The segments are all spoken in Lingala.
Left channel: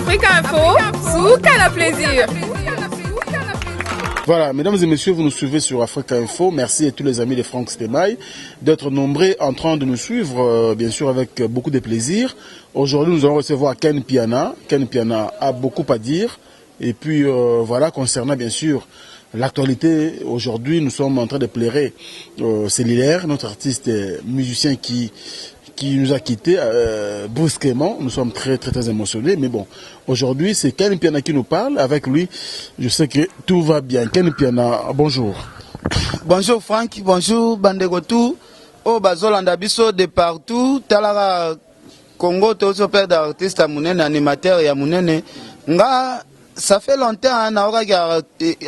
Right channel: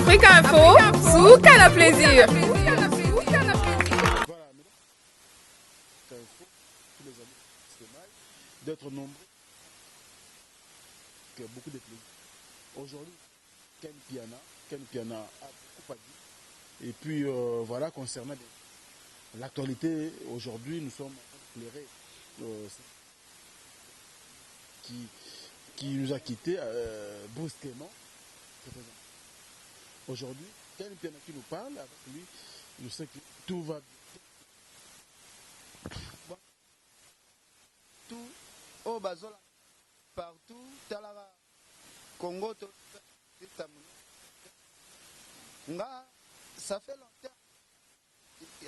Africa Info, Souka la plaisir. Voilà, mesdames et messieurs, vous nous suivez sur Africa Info. Merci à tous les amis de Franck Stemay d'être nombreux en train de nous suivre, bien sûr avec beaucoup de plaisir. Aujourd'hui, nous allons recevoir Ken Piana. Ken Piana a beaucoup à dire. Et puis, voilà, concernant bien sûr l'actualité, aujourd'hui, nous sommes en train de plairer Cellulaire, notre artiste musicien qui nous a quittés brusquement. Nous sommes très émotionnés. Mais bon, aujourd'hui, c'est Ken Piana qui nous parle. Avec lui, je sais que tout va bien. Ken Piana, bonjour. Bonjour Franck, bonjour Bandegotou. Oh, Bazolanda Biso de partout. Talara Congo, tous père d'artistes à Mounene, animateur et à Mounene. Nga, ça fait longtemps, naora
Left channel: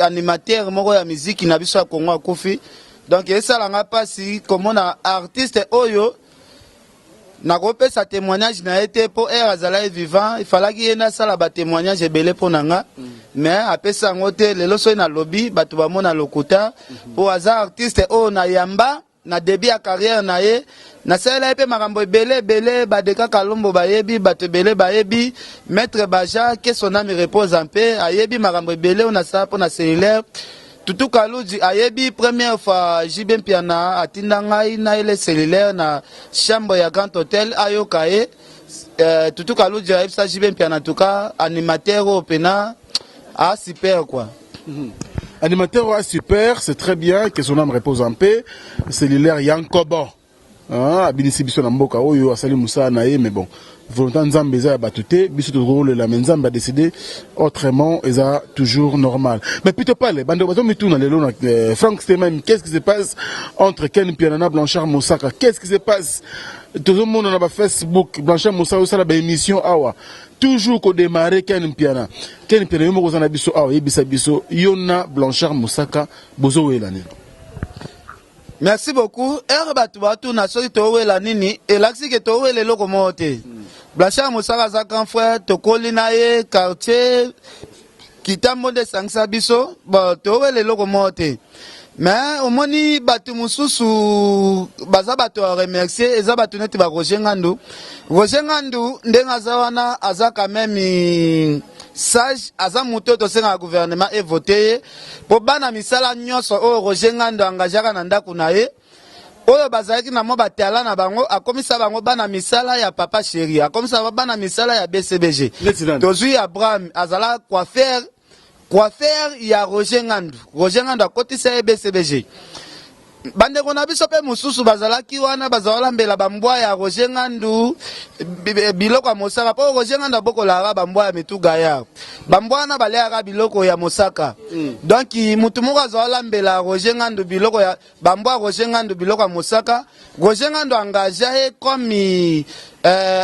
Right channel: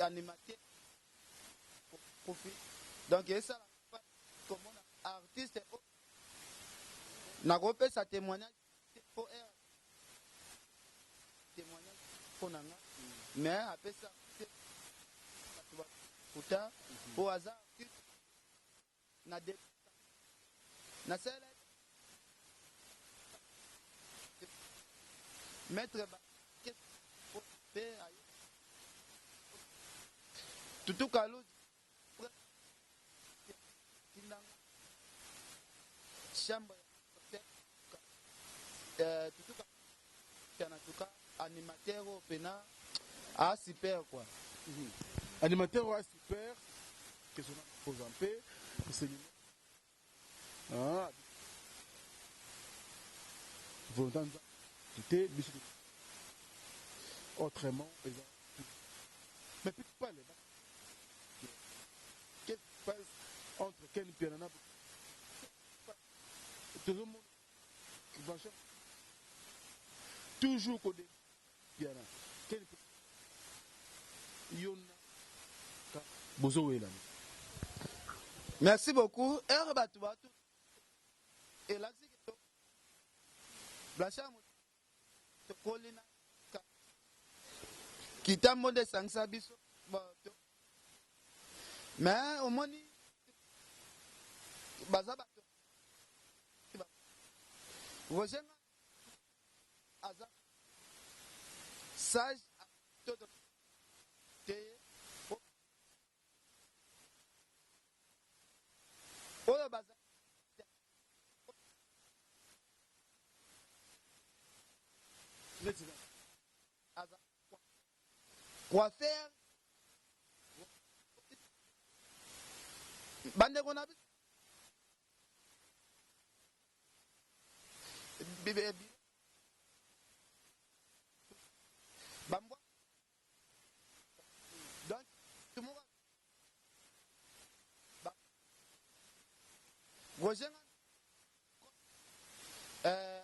animateur, moro ya musique, qui n'a biso à Congo à Kofi. Donc, ça l'a pas si, comme on a artiste Oyo. Nagope sa témoignage n'a été pour Azala vivant, il fallait qu'il y ait un sala témoignage belé pour nanga, mais après ça ngote le loso na lobby, batu ba mona lokuta, pour hasard artiste o na yamba, na début à carrière na ye, na sala epé makambo belé badeka kalombo bayebi, batu belé bayebi, maître Baja que son âme repose en paix, ayebi makambo belé on a ça pour na cellulaire. Tutu Kaluji ayebi première fois Jibem Piana atinda ngai na ile cellulaire na chambre ya Grand Hotel ayokaye Tutu Kaluji ayebi sa Jibem Piana tuka animateur au pena a super quoi. Animateur a super, c'est très bien que son âme repose en paix. Cellulaire Yankobo. Abinisi biso na mboka oyo asali musa na ye mais bon. Volonté Nzambe eza batute, biso to rôle la Nzambe a décidé autrement eza toujours normal. Mais plutôt pas les bande bato mituna lelo na Franck Stemay, qu'est-ce qui se passe entre Ken Piana Blanchard Moussaka? Qu'est-ce qui se passe? Tout le monde na Facebook Blanchard Moussaka ça la émission awa. Toujours qu'au démarrer Ken Piana. Ken Piana yo moko na biso awa yebisa biso yona Blanchard Moussaka bozo welane. Merci beaucoup. Batu na sori towe la nini et l'axi que towe le locomote. Blanchard Moussaka za grand frère tokoli na ye quartier kitambo de sangsa biso bon towe le locomote. Mais au moni batu mususu baza batu a remercier eza batu neti ba Roger Ngandu. Roger Ngandu ndenga za wana aza quand même sage aza muto to senga gouvernement et voté pour bana misala nyonso o Roger Ngandu engagera na ndako na ye oyo bazalaki na mo batala na bango akomisa bango bana misala ya papa chéri akomisa bana misala ya BCBG tozui Abraham azala coiffeur ya Roger Ngandu akotisa ye BCBG bandeko na biso pe mususu bazalaki wana bazala mbela bambwa ya Roger Ngandu biloko ya Mosaka po Roger Ngandu abokola bambwa ya mituga ya bambwa na balea biloko ya Mosaka donc mutu moko azala mbela Roger Ngandu biloko ya bambwa Roger Ngandu biloko ya Mosaka Roger Ngandu engagé comme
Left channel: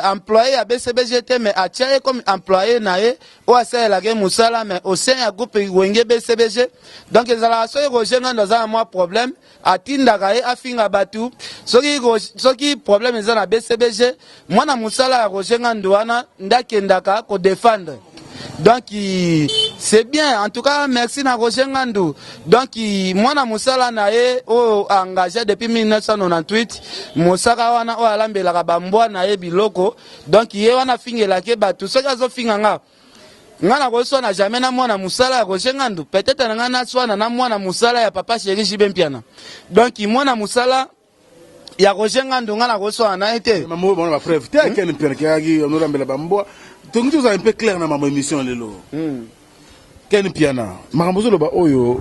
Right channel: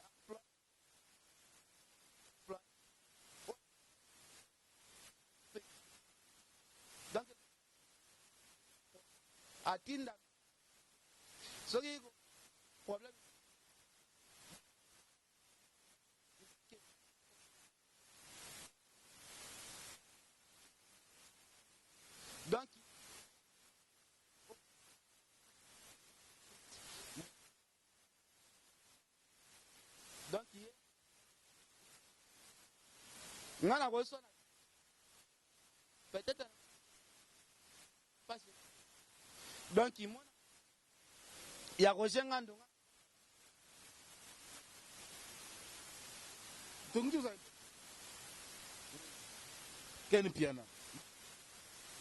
employé à BCBGT mais atia comme employé na ye o asala ke musala mais au sein ya groupe wenge BCBG donc ezala so Roger Ngandu za moi problème atindaka ye afinga batu soki problème eza na BCBG mwana musala ya Roger Ngandu wana ndakendaka ko défendre donc c'est bien en tout cas merci na Roger Ngandu donc mwana musala na ye o engagé depuis 1998 musaka wana o alambelaka bambwa na ye biloko donc ye wana fingela ke batu soki azofinga nga ngana ko na jamais na mwana musala ya Roger Ngandu peut-être na ngana swana na mwana musala ya papa chéri Jibem Piana donc mwana musala ya Roger Ngandu ngana ko na été maman bon ma frère t'es Ken Piana qui a on rambela bambwa donc tout ça un peu clair na ma émission lelo Ken Piana makambo zo loba oyo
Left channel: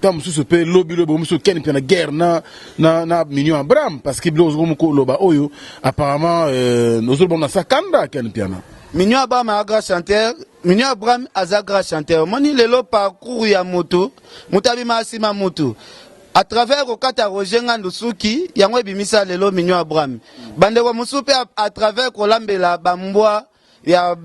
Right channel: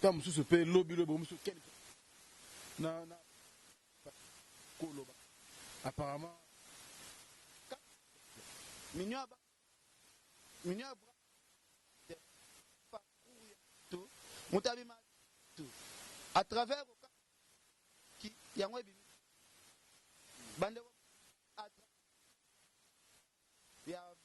tam sous pe lobby musu Ken Piana guerre na Mignon Abraham parce que blozo ko loba oyo apparemment nous bon na sakanda Ken Piana Mignon Abraham a grand chanteur Mignon Abraham a grand chanteur moni lelo parcours ya moto mutabi masima moto à travers au kata Roger Ngandu suki yango ebimisa lelo Mignon Abraham bande ko musupe à travers kolambela bambwa ya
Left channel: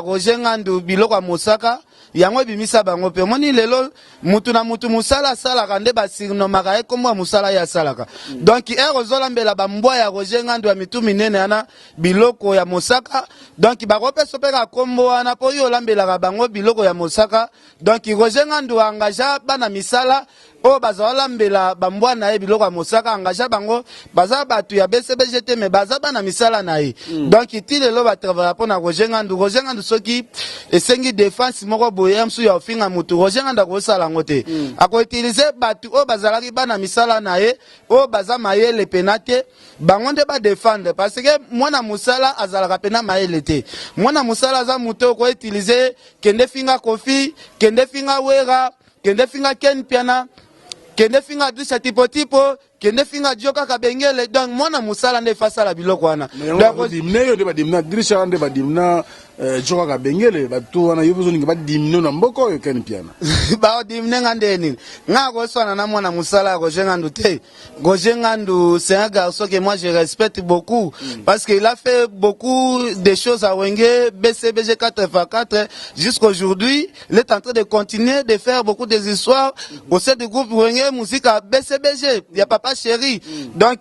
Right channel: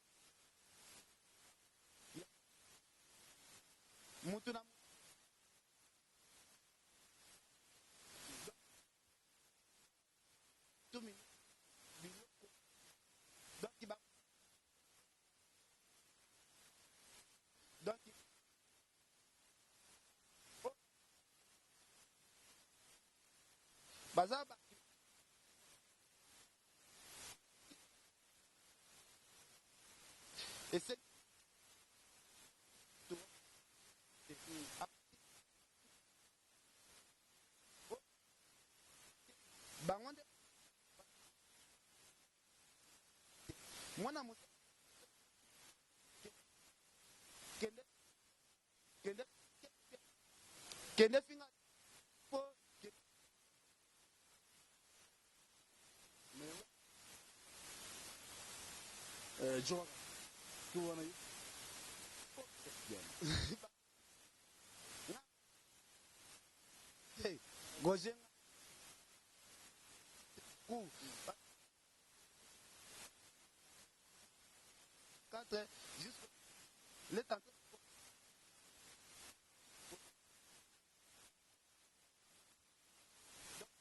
Roger Ngandu biloko ya Mosaka yango bimisa bango pe moni lelo mutu na mutu musala sala kande ba sirnomaka e komwa musala ya salaka donc ozolambela bambwa ya Roger Ngandu ya mitu minene ana biloko ya mosaka donc bakopeso pe ka kombo wana po yo lambela bango biloko ya mosaka donc Roger Ngandu engagea bana misala o bazala mbela bambwa na e biloko ya mosaka engagea bango baza batu ya BCBGT me baza bana misala na e donc itile lo ba travailler pour na Roger Ngandu soki esengi défense moko boye msu ya ofinga mutu Roger Ngandu ko sala ngote ako utiliser batu o bazala ki bana misala na e o baza mayele penate bango nde ba défendre parce que mwana musala azala pena mayele te mwana musala za mutu ko utiliser kende finga kofi kende finga wera kende finga ken piana kende finga dusha tipo kende finga joka kabengele donc mwana musala nde fasala biloko wana donc dimne yo de badimna drisha nde badimna joka kabengele batu wana yo besoin ngaba dimno na mboko yo ken piana ba dimne ngande ni ngako swana na mwana musala Roger Ngandu te Roger Ngandu c'est un garçon que moi je respecte beaucoup parce qu'il a fait beaucoup de choses à Wenge BCBG 4x4 jusqu'aujourd'hui il est en train de continuer de faire beaucoup des histoires au sein du groupe Wenge musique à BCBG il y a papa chéri donc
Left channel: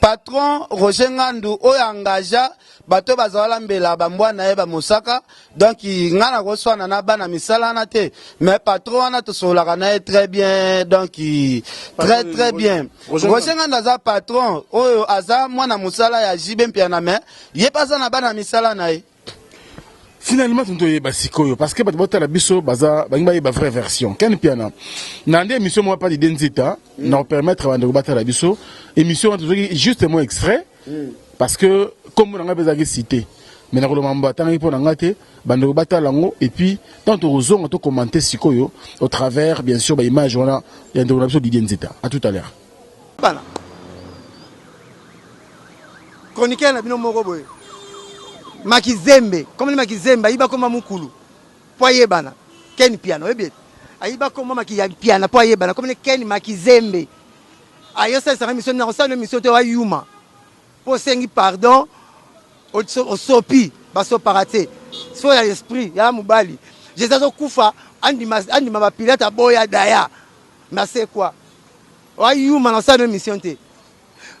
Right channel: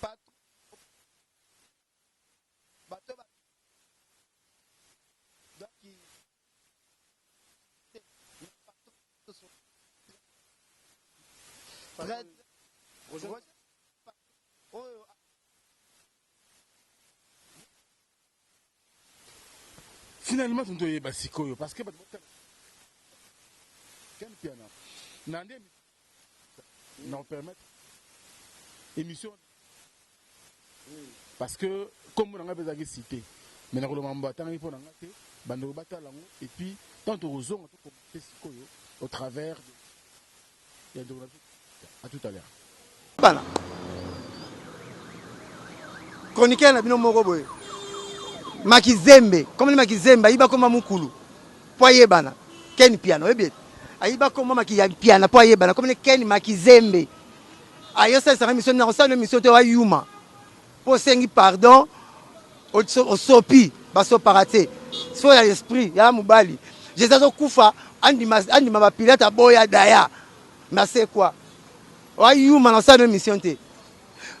patron Roger Ngandu o engagea bato bazala mbela bambwa na eba mosaka donc ngana ko swana na bana misala na te mais patron wana to solaka na très bien donc très bien Roger Ngandu za patron oyo aza mwana musala ya jibe mpiana mais ye paza na bana misala na e finalement tunto yeba sikoyo parce que bato botala biso baza bangi ba vraie version ken piana na ndé émission moi pas d'identité na permettre bande batala biso émission justement extrait parce que comme on a besoin de citer mais na kolomamba tangi po na ngate bande batala ngo et puis tant aux zongo to commenter sikoyo au travers bien sûr ba image wana ya ndé biso d'identité à tout à l'heure bana chroniqueur na bino moko boye Makizembe, comme le Makizembe, il va comme Mukulu. Poye bana, Ken piano, et il va comme piano, poye bana, comme le Ken Makizembe. Aïe, ça sera une mission, une mission de Yuma. Pour sengi pardon, au sopi, baso paraté. Soit l'esprit, ya Mubali. J'ai ça au Koufa, Andi ma pilote à Boya Daya. Mais c'est quoi? Yuma, dans ça, une mission.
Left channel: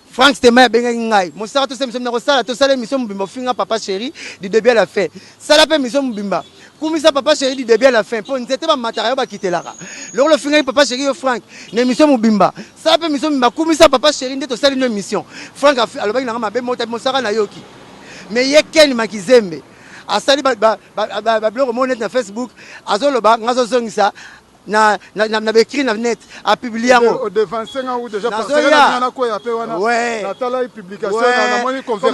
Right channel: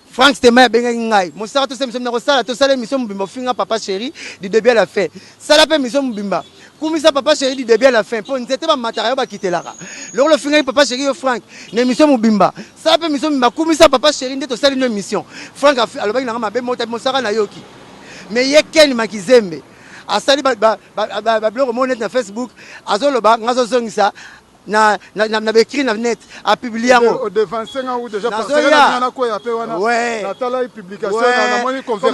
Franck Stemaya bengai mon sara to semso na kosala to sala mission mbimba finga papa chéri du début à la fin sala pe mission mbimba kumisa papa chéri du début à la fin pour nzete ba matériel ba kitelaka le finga papa chéri Franck na mission mbimba sala pe mission mbimba kumisa papa chéri nde to sala une mission Franck alobaki na mabe mota mon sara na yoki mais ye Ken Makizembe asali ba blog mo net na Facebook azoloba ngazo zongisa na bekri na net a publié au devant 5 ans ou déjà parce que na ko ya pe wana na tala publication na moni conversation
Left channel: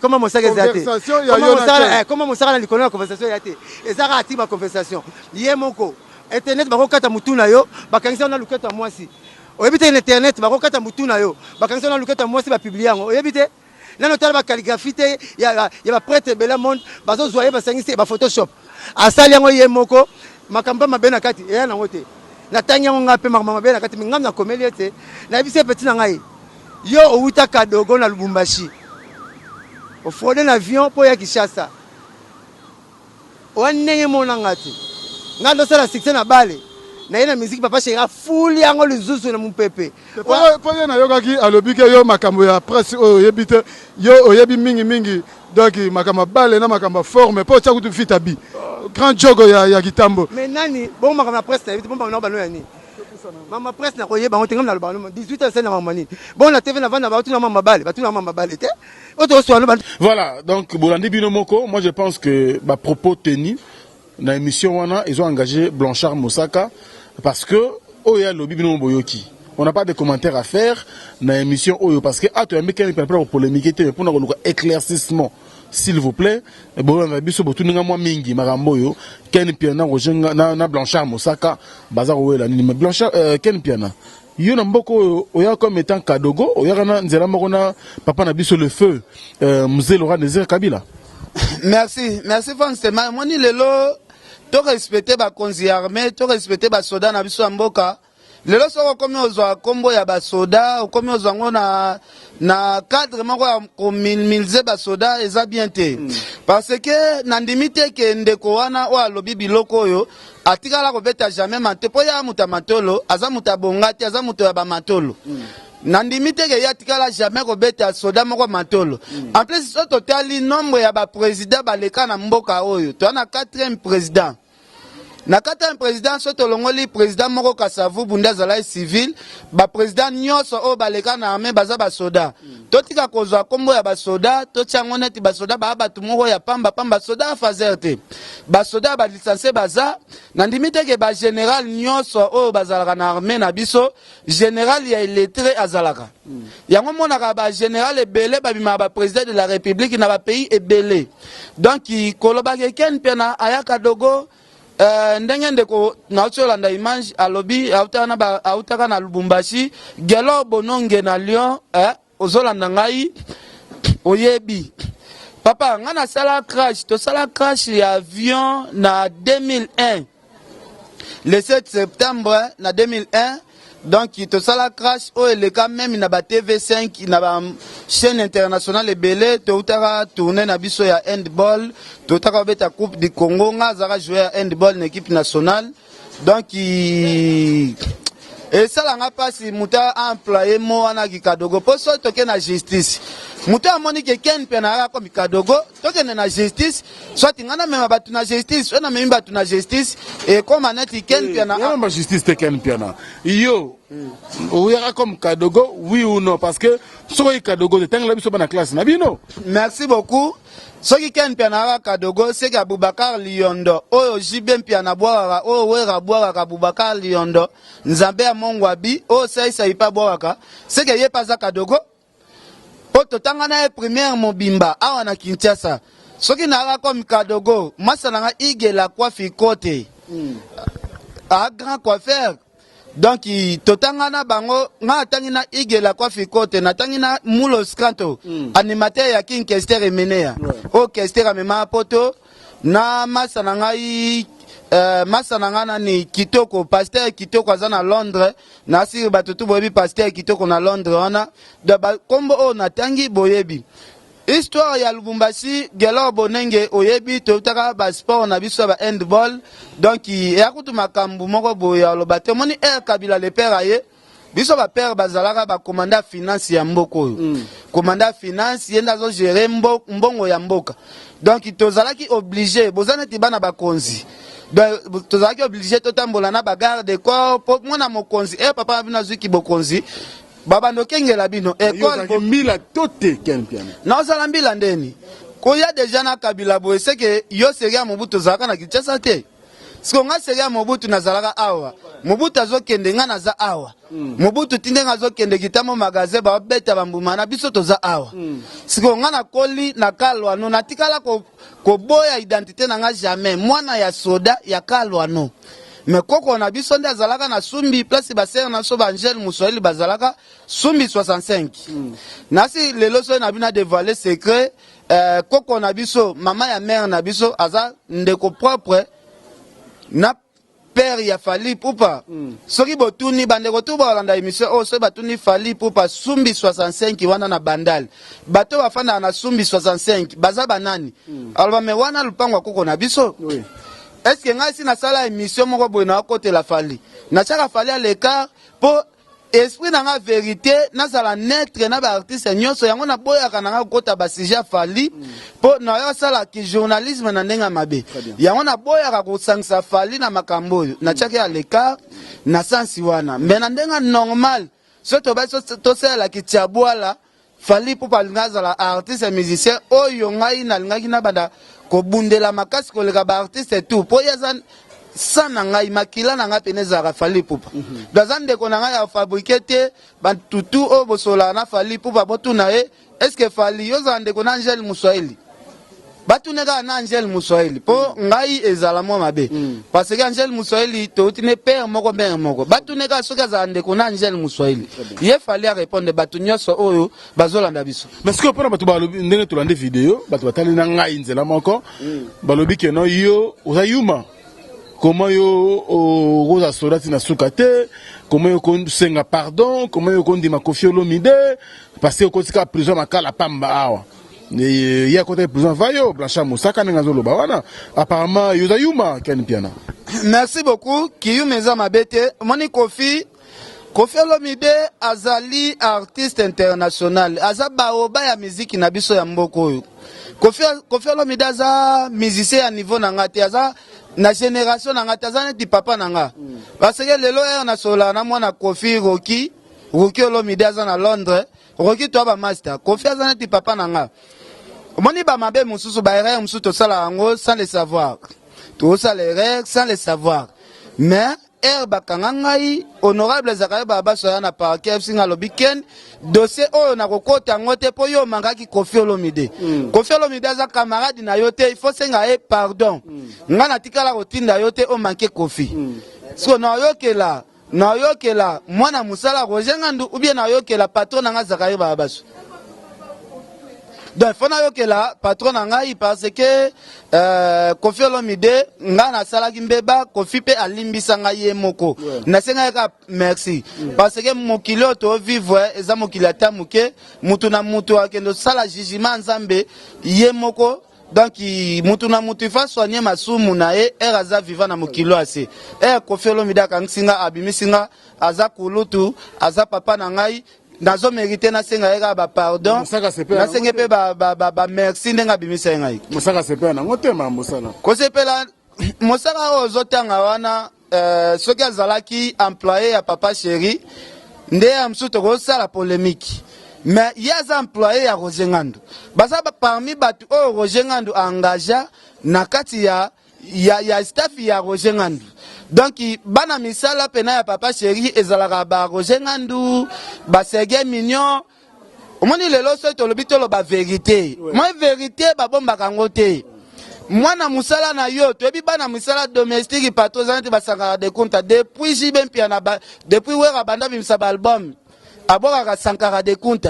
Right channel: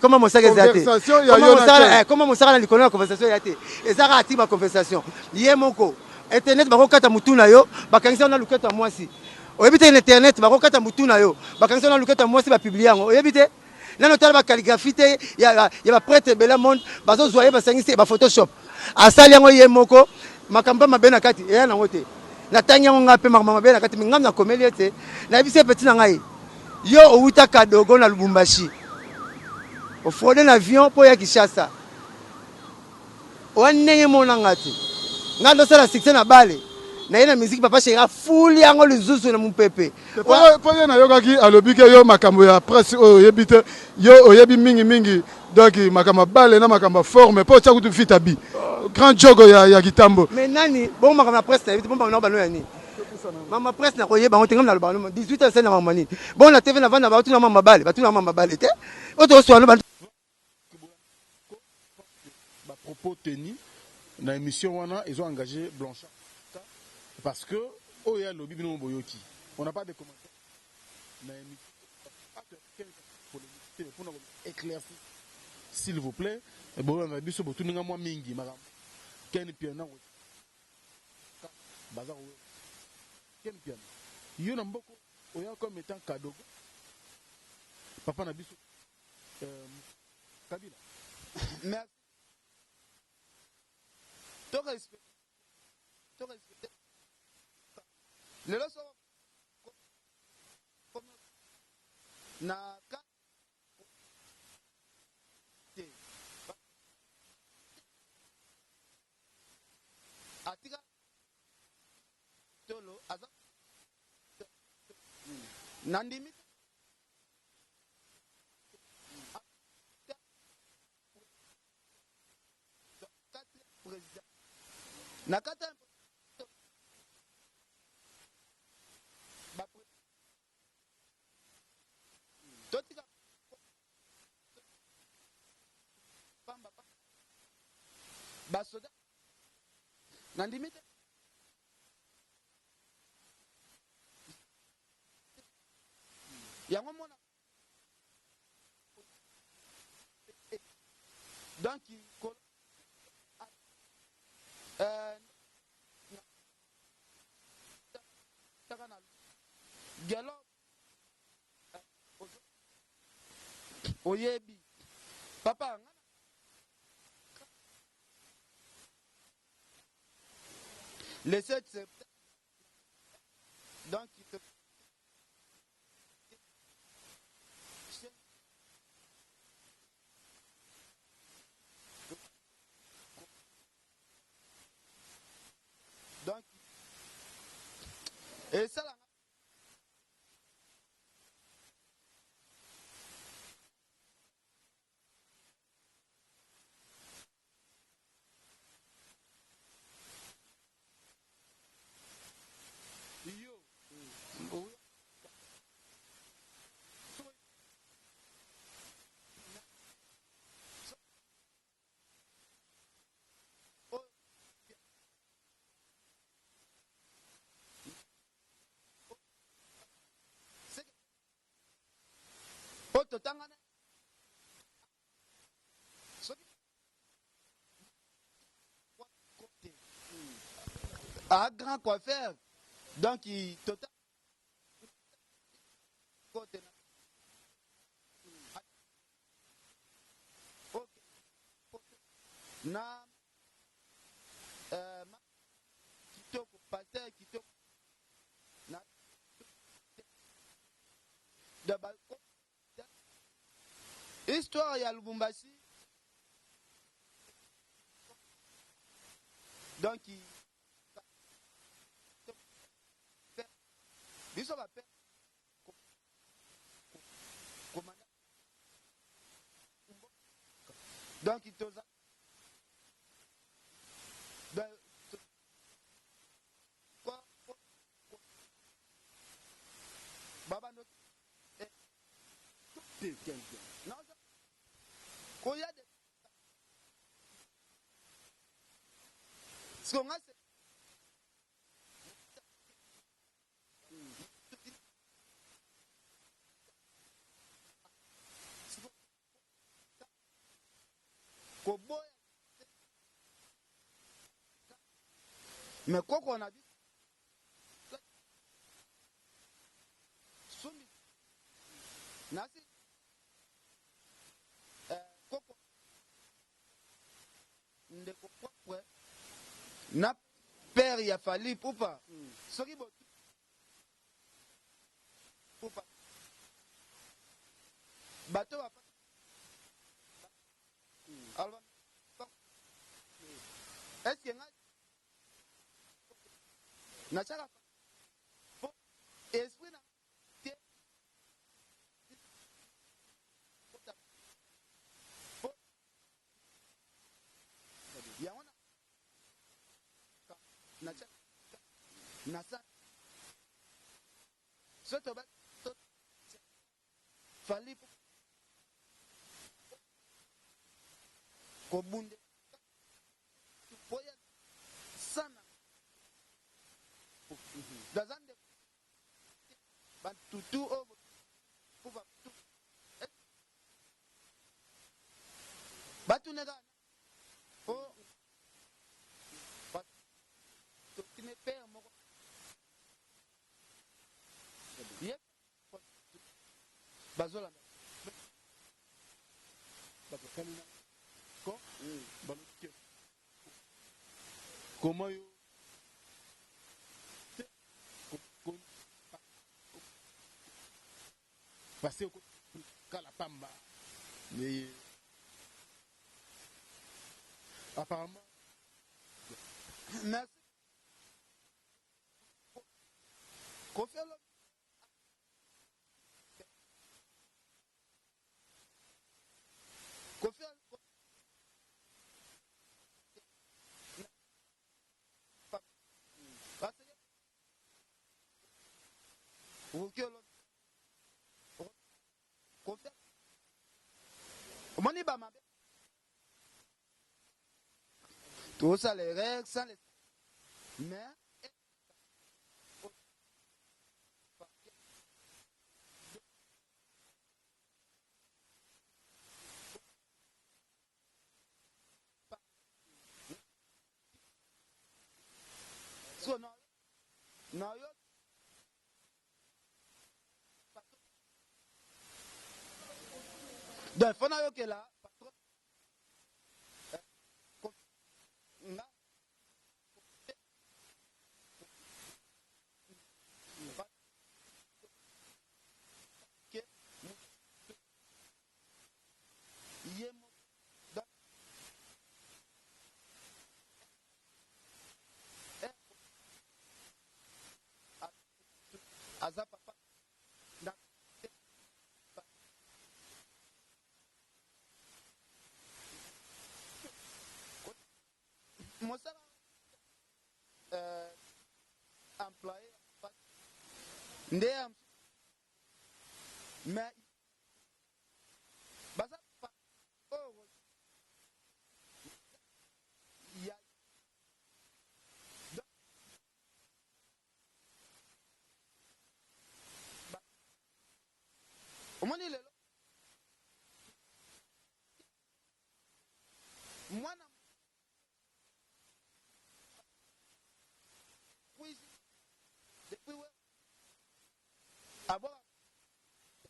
comment mon sac exaté comment mon sac na likolo na conversation ya te ezaka ati ba conversation ye moko internet ba ko kata mutuna yo bakangisa na luketa mwasi oyebite internet ba ko kata mutuna yo bakangisa na luketa mwasi ba publié yango oyebite nano tala ba calligraphie te ya ba prêtre bela monde bazo zoyer ba sangisi ba photoshop asali yango ye moko makamba mabena kati eya na ngote na tanya ngo ngape makamba mabena kati mingam na komeli ete na bise petit na ngai yo outa kadogo na Lubumbashi o fraude na avion po ya Kinshasa wanenge mona ngati ngalo sala succès na bale na yena musique papa chéri fuli yango luzuzu na mpepe po na yokaki alobi ke yo makambo ya presse o yebite yo oyebi mingi donc makamba bale na makamba forme po tsa kutu vitabi grand jogo ya Kitambo mais nani bon makamba presse na bon makamba bano ya ni mama presse na koyeba on tengam na lobano 18h na mamani bon na TV na vana ba tuna mama bale ba tuna mama bale te auto so voilà donc Bolandi Bino Moko moi je pense que ba propos tenus na émission wana ils ont engagé Blanchard Mosaka parce que oya lobi bino boyoki on n'a pas de commentaires à faire dans l'émission Oyo parce que tu as mis quelqu'un pour polémiquer mais pour un éclaircissement s'il vous plaît bon on a biso botu nga moi mingi marambo yo Ken Piana na Blanchard Mosaka bazar wela ni Blanchard Ken Piana yo na mboko oya comme étant kadogo oya kana nzela moko na papa na biso le feu Mzee Laurent Désiré Kabila. Merci Franck Stemaya moni lelo to respecter ba konzi armée to respecter ba soda na biso mboka lelo soko komi ozwa kombo ya basoda komi ozwa ngo na cadre moko ya komilze basoda eza bien te parce que nandimi te ke ndeko wana oyo alobi biloko oyo atikala kobeta jamais mate po ya muta matolo aza muta bongati aza muto ya bamatolo nandimi te ke ya tikala jamais kobeta soda moko matolo en plus so totali nombre ya baprésident baleka na mboka oyo toza na 4e président na 4e président so tolongoli président moko Kasavu Bunda azala civil baprésident nyonso oyo baleka na armée baza basoda totika kozwa kombo ya basoda totiango neti basoda baa bato moko ya pamba soda afazer te basoda balisanse baza nandimi te ke bagénéral nyonso oyo bazalaka na armée na biso général ya illettré azalaka yango monaka bagénéral ebele babimaka baprésident de la république na bapays ebele donc kolobaka ekeni mpe na ayaka dogo ndenge ndeko nauti olanda image alobi autaka na Lubumbashi gelo bononge na Lyon ozolanda ngai oyebi papa nga nasala crash tosala crash ya avion na 2001 le 7 septembre na 2001 donc tosala crash oyo eleka même na ba TV5 na ba chaîne internationale ebele toutaka tourner na biso ya handball toutaka beta coupe du Congo nga zaka jouer handball na équipe nationale donc et ça nga pasi muta employé mo wana kikadogo poso toke na justice muta amoni ke ken penara ko mikadogo toke na justice soit ngana mema batu na justice ona mema batu na justice et comme anati ken penara ma justice te ken penara yo oyaka comme kadogo oui ou non parce que soki kadogo te tanga la biso bana classe na bino merci beaucoup soki ken penara kadogo c'est Abubakar Liondo oyo jibe mpiana bwaka oyo wera bwaka Abubakar Liondo nzambe ya mongwabi oyo saisa ipa bwaka c'est que ye paza kadogo po totanga na première mobimba awa na Kinshasa soki nara comme kadogo masana nga igela coiffe côté a grand coiffeur donc totanga na bango nga tangi na igela coiffe côté na tangi na Mulos Kanto animateur ya King Kester Emenea o Kester amema poto na masana ngai masana ngana ni kitoko pasteur kitoko aza na Londres na siri batutu boyebi pasteur kitoko na Londres wana de ba kombo o na tangi boyebi histoire ya Lubumbashi gelo bonenge oyebi totaka ba sport na biso ba handball donc ya kutu makambu moko boya lobate moni Kabila le père aye biso ba père bazalaka ba commandant finance ya mboko commandant finance yenda zo gérer mbongo ya mboka donc tozalaki obligé bozana tibana bakonzi donc tozalaki obligé totambola na bagarde de corps po mona mokonzi papa bina zuki bokonzi baba ndokengela bino école mbila tote ken piano na sala mbila ndeni ko ya déjà na Kabila boye c'est que yo seria Mobutu zaka na Kinshasa te siko nga seria Mobutu nazalaka awa Mobutu azokende nga naza awa Mobutu tinde nga azokende kitamo magasin ba beta bambuma na biso toza awa siko nga na koli na kalwano natikala ko boya identité na nga jamais mwana ya soda ya kalwano mais koko na biso nde azalaka na sumbi place basere na so Angel Muswahili bazalaka sumbi 65 nasi lelo so na bina dévoiler secret koko na biso mama ya mère na biso aza ndeko propre na père ya Fally Ipupa soki botuni bandeko tu balanda émission o so batuni Fally Ipupa sumbi 65 wana na bandal bato bafanda na sumbi 65 baza banani alors me wana lupango koko na biso oui. Est-ce que nga si na sala émission moko boye na côté la Fally na chaka Fally à l'écart pour esprit na nga vérité na sala netre na ba artiste nyonso yango na boya kana nga kota ba sujet Fally pour na yo sala ki journalisme na ndenga mabe yango na boya ka kusangisa Fally na makambo na chaka à l'écart na sensi wana mais na ndenga normal soto ba to sala ki tiabwala Fally pour palingaza la artiste musicien oyo ngai na ngaki na banda ko bundela makasi koleka ba artiste tout po yaza sana ngai makila na nga peneza ka Fally Ipupa dazande ko na nga ya fabriquer te bantutu o bosola na Fally Ipupa botuna est-ce que Fally yozande ko na Angel Muswahili batuneka na Angel Muswahili po ngai ezala mo mabe parce que Angel Muswahili to utine père moko mère moko batuneka soka zande ko na Angel Muswahili ye Fally a répondre batunyoso oyo bazolanda biso mais ce que pour batu balobi ndenge to lande vidéo batu batali na ngai nzela moko balobi ke no yo oza yuma comment yo rosa solati na sukate, comment yo kon senga pardon, comment yo kon di Koffi Olomide parce que ko tika prison makala pamba awa. Il y a côté prison vayo Blanchard Moussaka ngazolo bawana. Apparemment yoza yuma Ken Piana. Merci beaucoup. Kiyuma eza mabete. Moni Koffi Olomide azali artiste international. Aza baoba ya musique na biso ya mboko oyo. Koffi Olomide aza musicien à niveau nanga te, aza na génération nanga te, aza neti papa nanga. Parce que lelo na sola na mwana Koffi Rocky Olomide aza na Londres. Rocky to ba master. Koffi aza neti papa nanga. Moni ba mabe mususu ba erreur mususu to sala yango sans le savoir. To sala erreur sans le savoir. Mais bakangangai honorable Zakaria Baba soya na parquet singa lobiken dossier oyo na kokota ngote po yo mangaki Koffi Olomide. Koffi Olomide za camarade na yote il faut senga pardon. Ngana tikala kotinda yote o manke Koffi. So na yokela mwana musala rojengandu ou bien na yokela patron nga Zakaria Baba. Donc fona yokela patron ngai parce que Koffi Olomide ngana salaki mbeba Koffi pe alimbisa ngai moko na senga ka merci parce que mokilo to vivre eza mokili atamuke mutu na mutu akendo sala jugement nzambe ye moko donc mutu na mutu fa soigner masumu na e aza vivant na mokilo ase Koffi Olomide kansinga abimisinga aza kulutu aza papa na ngai nazo mérité na senga eka ba pardon na senga pe ba merci ndenga bimisa ngai Mosaka sepela na ngotema mosala ko sepela mosaka ozotanga wana soki azalaki employé ya papa chéri nde ya msuto ko sala polémique mais yaza employé ya Roger Ngandu baza parmi batu o Roger Ngandu engagea na kati ya staff ya Roger Ngandu. Donc bana misala pena ya papa chéri ezalaka ba Roger Ngandu ba Serge Mignon omoni lelo so to lobito lo ba vérité moi vérité ba bomba kango te mwana musala na yo to ebi bana misala domestique patro zanete ba sangara de compte depuis jibe mpiana ba depuis wera banda bimisa ba album aboka ka sankara de compte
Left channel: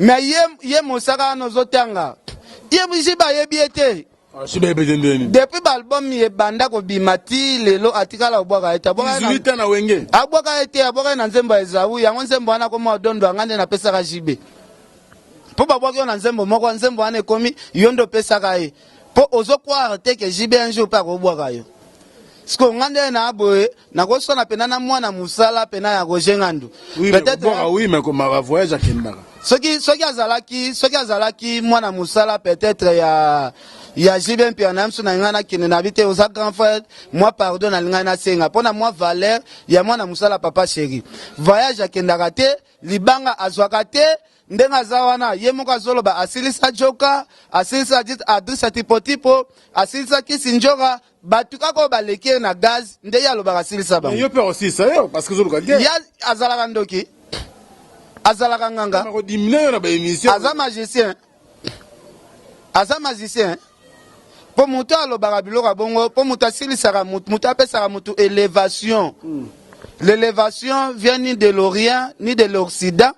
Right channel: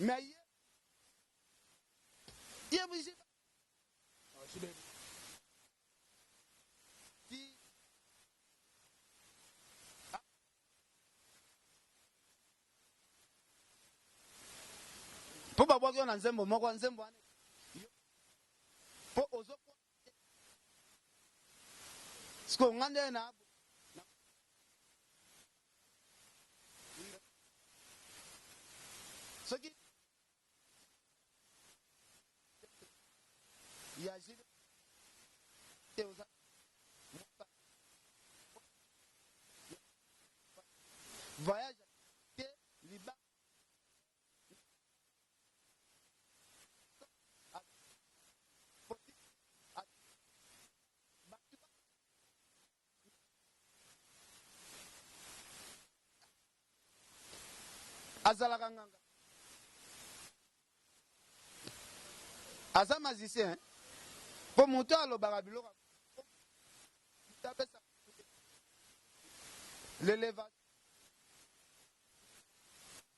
mais ye musaka no zotanga ye bijiba yebiete depuis l'album ye banda ko bimati lelo atikala obwaka eta boka 18 na wenge abwaka ete aboka na nzembo ezawu yango nzembo wana ko mo dondo ngande na pesa ka jibe po babwaka na nzembo moko nzembo wana ekomi yondo pesa ka e po ozokwa te ke jibe un jour pa ko bwaka yo sko ngande na aboe na ko sona pena na mwana musala pena ya Roger Ngandu peut-être oui mais comme ma voyage à Kendara soki azalaki mwana musala peut-être ya jibe mpiana msu na ngana kine na bite oza grand frère moi pardon na ngana senga pona moi valeur ya mwana musala papa chéri voyage akendaka te libanga azwaka te ndenga zawana ye moko azoloba asilisa joka asilisa adrisa tipo asilisa kisinjoka batu kako baleke na gaz nde ya loba asilisa ba yo pe aussi ça yo parce que zoluka ya azalaka ndoki azalaka nganga aza magicien po mutu alobaka biloko bongo po mutu asilisaka mutu apesaka mutu élévation l'élévation vient ni de l'Orient ni de l'Occident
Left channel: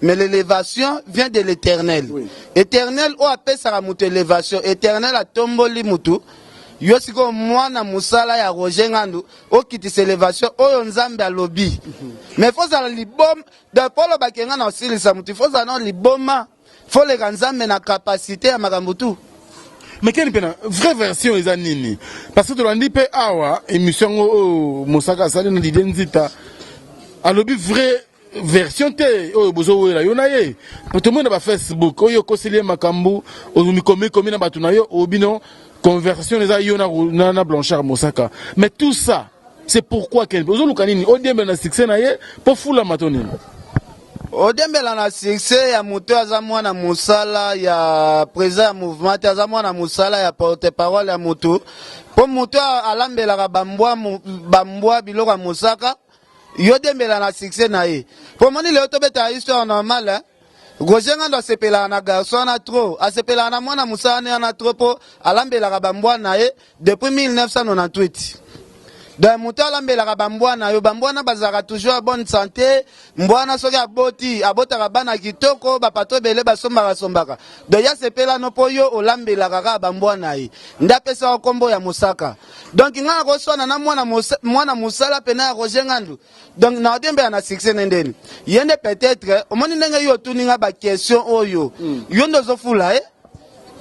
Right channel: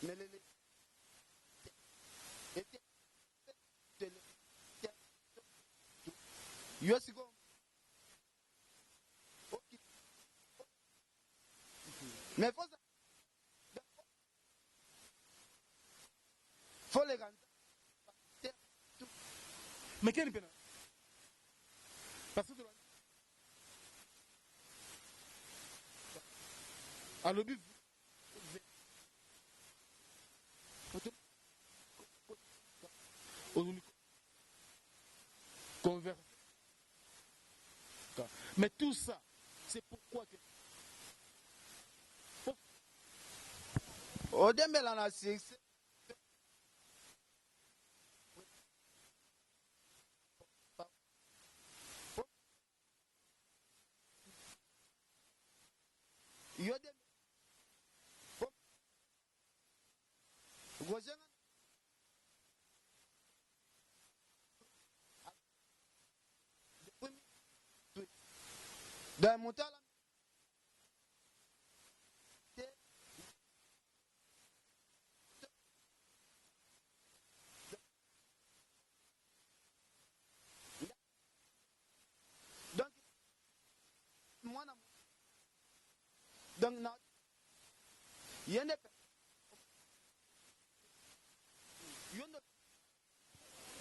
mais l'élévation vient de l'éternel éternel o apesaka mutu élévation éternel atomboli mutu yo siko mwana musala ya Roger Ngandu okitisa élévation oyo nzambe alobi mais faut za libom de polo bakenga na osilisa mutu faut za na liboma faut le nzambe na capacité ya makambo tu mais quelle pena vraie version eza nini parce que tolandi pe awa émission Mosaka sali na didenzita alobi vraie version te oyo bozo wela yo na ye tout le monde ba Facebook oyo koseli makambo ozumi komi na batu na yo obino conversation les a na Blanchard Moussaka mais tout ça c'est pourquoi quel ozo lukanini odembe na succès na ye pour fula matoni odembela na succès ya moto aza mwana musala ya président ya mouvement aza mwana musala ya porte-parole ya moto po moto alambelaka bambwa biloko ya Mosaka yo dembela na succès na ye po moni leo tobeta histoire normale Roger Ngandu asepelaka na garçon na trop asepelaka na mwana musala na trop po alambelaka bambwa na ye depuis 1998 donc moto alambelaka bambwana yo bambwana bazalaka toujours à bonne santé mbwana soki abotaka bana kitoko bapato ebele basombaka donc ya sepelano mpo yo olambelaka kaka bambwana ye nde apesaka nkombo ya mosaka donc nga nakoswana na mwana mosala pena ya Roger Ngandu donc na odembela na succès nendeni ye nde peut-être omoni ndenge yo otuninga baquestion oyo yo nde ozofula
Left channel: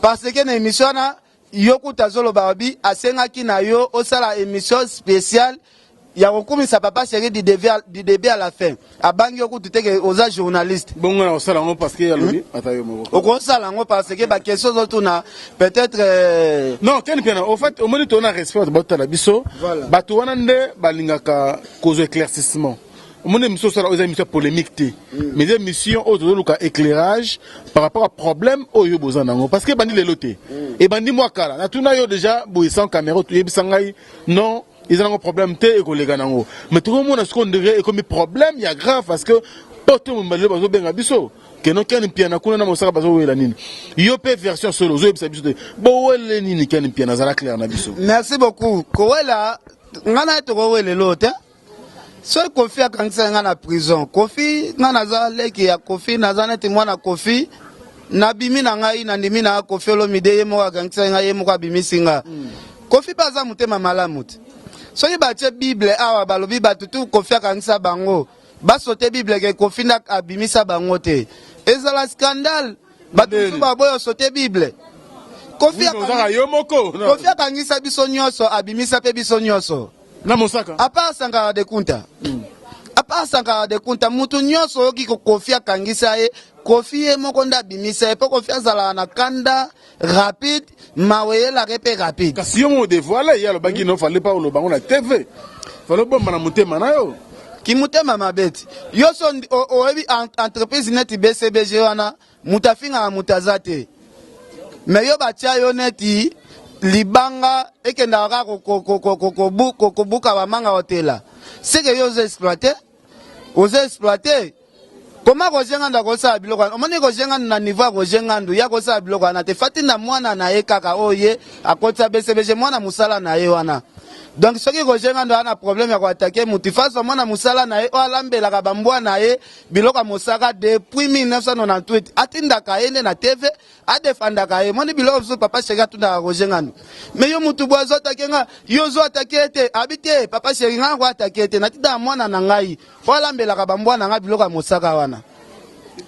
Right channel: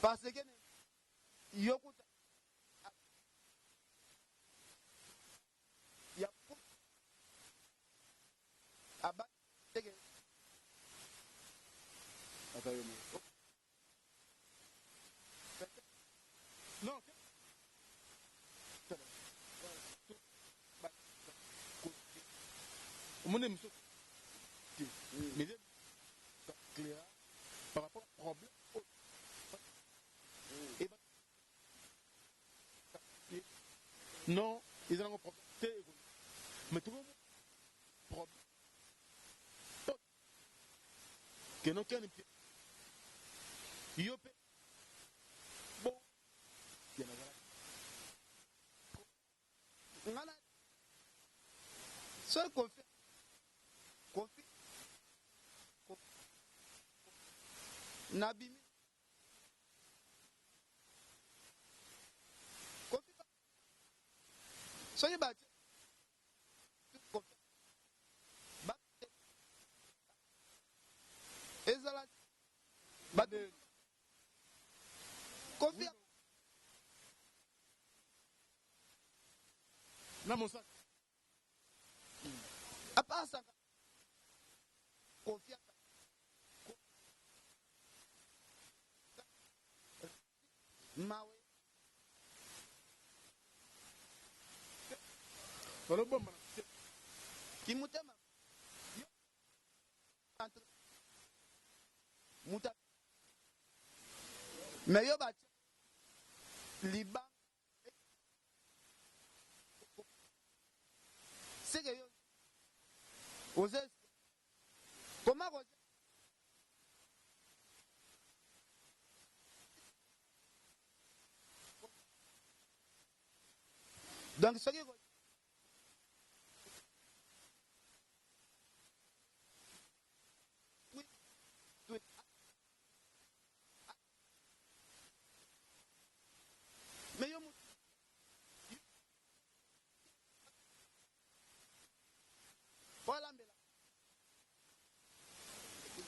parce que na émission wana yo kuta zoloba babi asengaki na yo osala émission spéciale ya kokumisa papa chéri du début à la fin abangi yo kutu teke oza journaliste bongo na osala ngo parce que yalobi atayo moko okosala ngo parce que ba question zotuna peut-être non ken piana au fait au moni tona respect batala biso bato wana nde balingaka cause éclaircissement mon émission sera aux émissions polémiques mais des émissions autour de éclairage par rapport à problème au yobozanango parce que bandi les lotés et bandi moi kala na tuna yo déjà boy sans caméra tu yebisangai non ils ont un problème té et collègue nango mais tout le monde a ce qu'on dirait et comme problème il y a grave parce que tout le monde bazo benga biso que non ken piana kuna na mosaka bazo wela nini yo pe version solo zo yebisa biso bo wele nini ken piana zala clair na biso. Merci beaucoup ko wela ngana to ko wele loté. So Kofi akangisa nga na prison. Kofi nga naza leki ya Kofi naza neti mwana Kofi na bimi na ngai na ndimi na Kofi Olomide ye mo akangisa nga ye mo abimisi nga. Kofi baza mutema malamu te. So ye batie Bible awa balobi batutu Kofi akangisa bango. Basote Bible ke Kofi na abimisa bango te. Ezala scandale. Batutu baboyo sote Bible. Kofi akangisa biso nyonso abimisa pe biso nyonso. Na mosaka apa Sankara de Kunta apa Sankara de Kunta mutu nyonso oki ko Kofi akangisa ye Kofi ye moko nda bimisa po Kofi azala na kanda rapide maweye la repe rapide kasi yo mo dévoiler ya lo bangi no fallait pas lo bango na TV fallait bomba na mutema na yo ki mutema mabeti yo so oebi entreprise neti BCBG wana mutafinga mutazate mais yo batia yo neti libanga ekenda ka ko buka ba manga hotela c'est que yo exploiter comment Roger Ngandu ko sa biloko omoni Roger Ngandu na niveau Roger Ngandu ya ko sa biloko na te fatinda mwana na ye kaka oye akota BCBG mwana musala na ye wana donc soki Roger Ngandu ana problème ya ko attaquer mutifaso mwana musala na ye o alambela ka bambwa na ye biloko mosaka depuis 1998 atindaka ene na TV adefandaka ye moni biloko so papa chega tunda Roger Ngandu mais yo mutu bozo attaquer yo zo attaquer te habite papa chéri nga ko attaquer te natinda mwana na ngai o alambela ka bambwa na nga biloko mosaka wana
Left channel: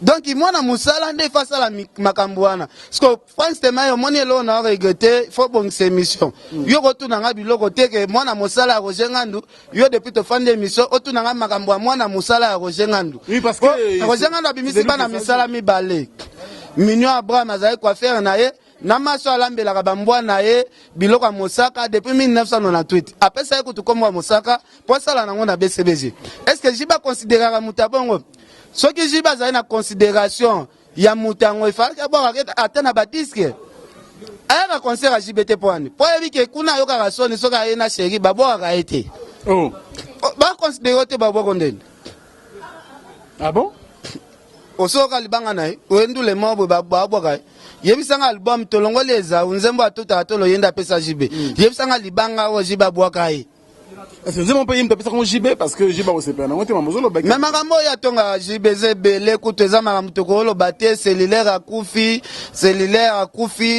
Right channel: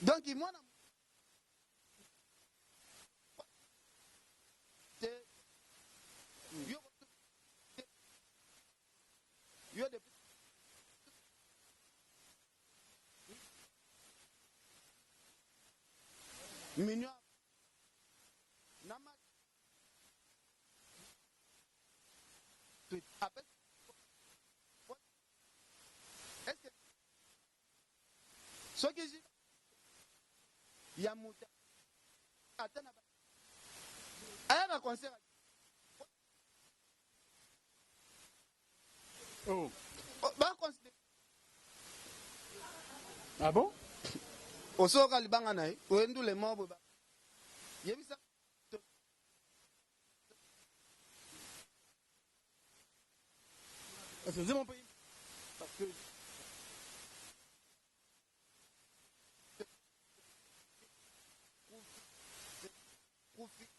donc mwana musala nde fasala makambo wana parce que France tema yo moni elo na regretter faut bon cette émission yo ko tuna nga biloko te ke mwana musala ya Roger Ngandu yo depuis to fande émission otuna nga makambo ya mwana musala ya Roger Ngandu oui parce que Roger Ngandu abimisi bana misala mibale Mignon Abraham azali quoi faire na ye na maso alambela ka bambwa na ye biloko ya mosaka depuis 1998 après ça ko to komwa mosaka po sala nango na BCBG est-ce que jiba considérer mutabongo soki jiba zali na considération ya mutango ifalaka bwa atana ba disque aya na concert à JBT point po yebi ke kuna yo ka soni soka ye na chéri babo ka été oh ba considérer te babo kondeni ah bon osoka libanga na o ndule mobo babo ka yebisanga album tolongoleza unzembo atota atolo yenda pesa JB yebisanga libanga o jiba bwa kai est-ce que mon pays me pesa comme JB parce que JB au CPN on te mamozolo ba mais makambo ya tonga JBZ belé kuteza makambo tokolo baté cellulaire akufi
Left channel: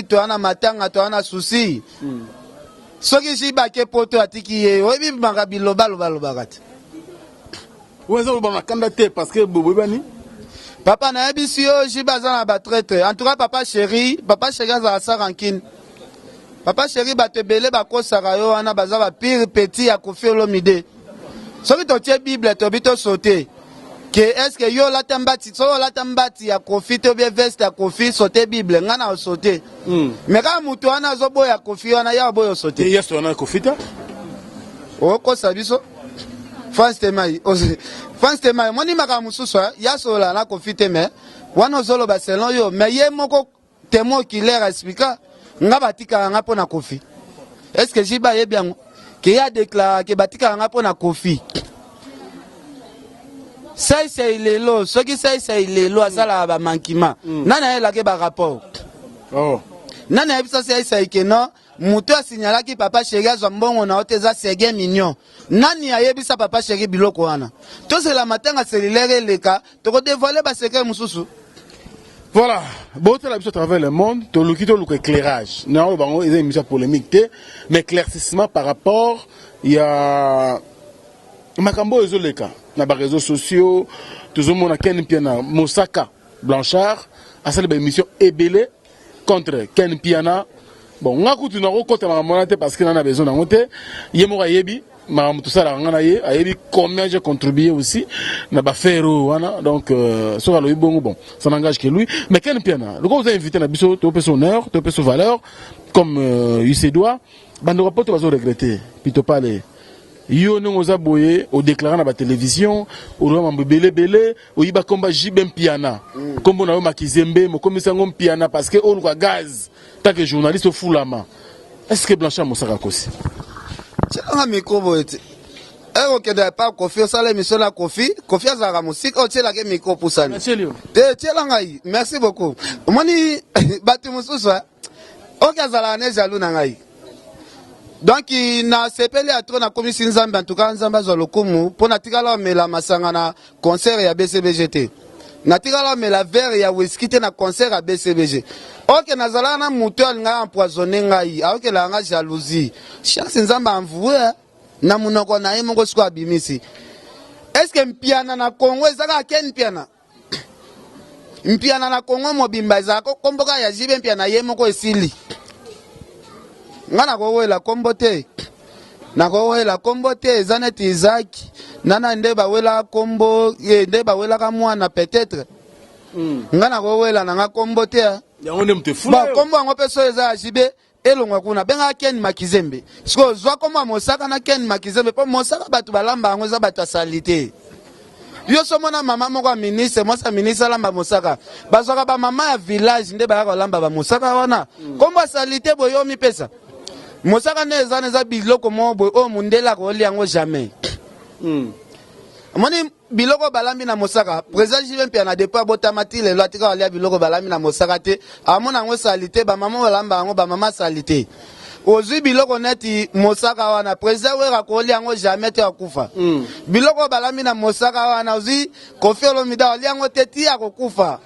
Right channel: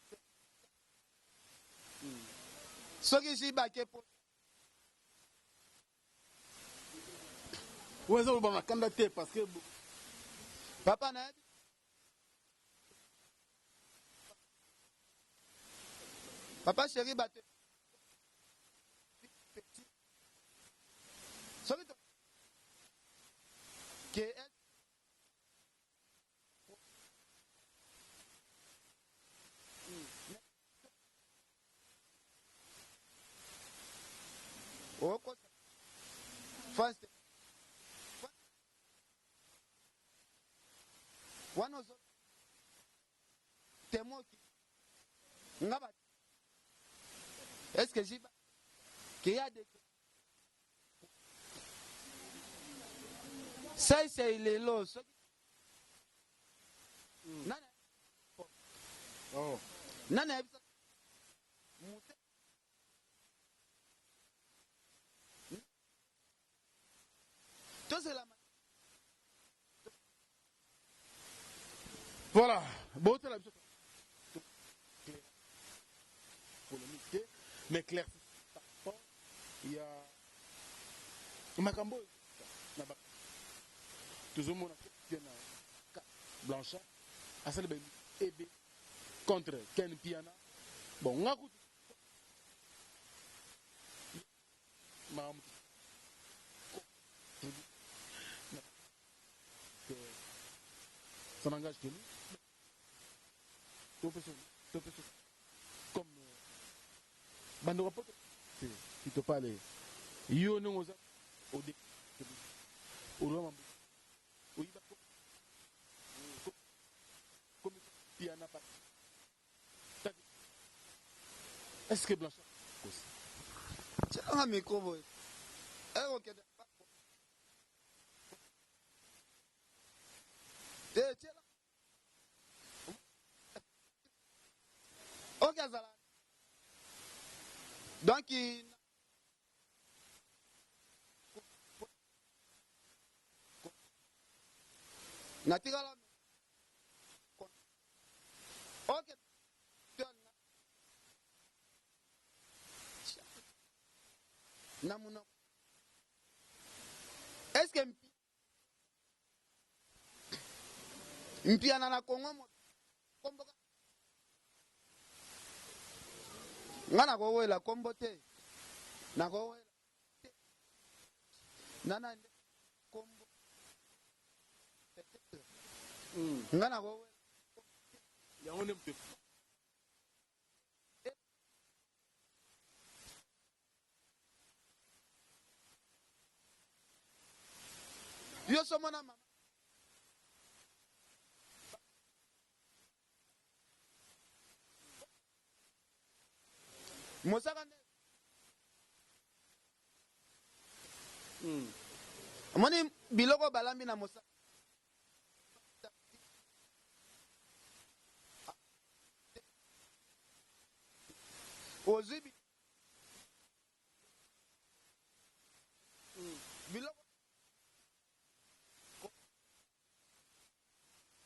to ana matanga to ana souci soki jiba ke poto atiki ye obi makabilo balo bakati wezo ba makanda te parce que bobo bani papa na ebisio jiba za ba traître en tout cas papa chéri za sa rankine papa chéri batebele bakosaka yo wana baza ba pire petit ya Kofi Olomide soki totie Bible to bito sauter que est-ce que yo la tambati so la tambati ya Kofi to bien veste ya Kofi sauter Bible ngana o sauter mais ka mutu wana zo boya Kofi wana ya boyo sauter yeso wana Kofi ta o ko sabiso France tema moni maka mususu ya sola na Kofi te mais wana zolo ba selon yo mais ye moko temo qui l'air expliquer nga batika nga pona Kofi est-ce que jiba ye bien que ya déclaré que batika nga pona Kofi ça c'est lelo ce qui c'est lelo asala ba mankima nana ela ke ba rapport oh nana ebisa c'est que non muto asignalaki papa chéri azwa mbongo na oteza Serge Mignon. Nani ayebisa papa chéri biloko wana? To c'est la matanga cellulaire leka, to dévoiler ba secret mususu. Voilà, beauté la à travers le monde, tu as éclairage. Non, il y a une émission polémique, mais éclaircissement par rapport, il y a Makambo Ezoleka, dans les réseaux sociaux, tout le monde a Ken Piana, Mosaka Blanchard, à cette émission Ebele contre Ken Piana. Bon, on a écouté une rencontre parce qu'il en a besoin d'un côté. Yemora Yebi. Tout ça, combien j'ai contribué aussi, donc, bon, ça n'engage que lui. Mais quel piano, le gars vous a invité à Bissot, tu as son heure, tu as son valeur, comme il se doit, ben, ne va pas regretter, puis tu parles. Yo nous a boyé au déclarant à la télévision, au roi Mbele Bele, au Iba Komba Jibem Piana, comme on a eu Makizembe, mais comme ça on piana parce que on a gaz, tant que journaliste au fou la main. Est-ce que Blanchard Moussaka aussi? Tiens, micro boete. Ok, de pas Kofi, ça l'émission la Kofi. Kofi a la musique, oh tiens la micro pour ça. Tiens la ngai. Merci beaucoup. Moni batu mususu. Ok, azala ne jaloux na ngai. Donc na sepeli a trop na commission Nzambe en tout cas Nzamba zo lokumu pour na tikala me la masanga na concert ya BCBGT. Na tikala me la verre ya whisky te na concert ya BCBG. Ok, nazala na mutu alinga empoisonné ngai. Ok, la nga jalousie. Chance Nzamba envoie na munoko na ye moko siko abimisi. Est-ce que mpiana na Congo ezaka ken mpiana? Mpiana na Congo mobimba ezaka komboka ya jibe mpiana ye moko esili. Ngana ko la kombo te. Na ko la kombo te ezaneti Isaac. Nana ndeba wela kombo ndeba wela ka mwana peut-être. Ngana ko wela na kombo te. Ya on aime te fou. Ba kombo ngo peso eza jibe elongwa kuna benga Ken Makizembe. Siko zwa kombo Mosaka na Ken Makizembe po Mosaka batu balamba ngo za batu salite. Yo somona mama moko ministre, moi sa ministre lamba Mosaka. Bazwaka ba mama ya village nde ba lamba ba Mosaka wana. Kombo salite boyo mi pesa. Mosaka neza biloko mo boy o mundela ko liango jamais. Moni biloko balambi na Mosaka, président Jimpe na depa botamati le lotika walia biloko balambi na Mosaka te, amona ngo salite ba mama balamba ngo ba mama salite. Ozu biloko neti Mosaka wana président wera ko liango jamais te akufa. Biloko balambi na Mosaka wana ozu Kofi Olomide liango teti akokufa.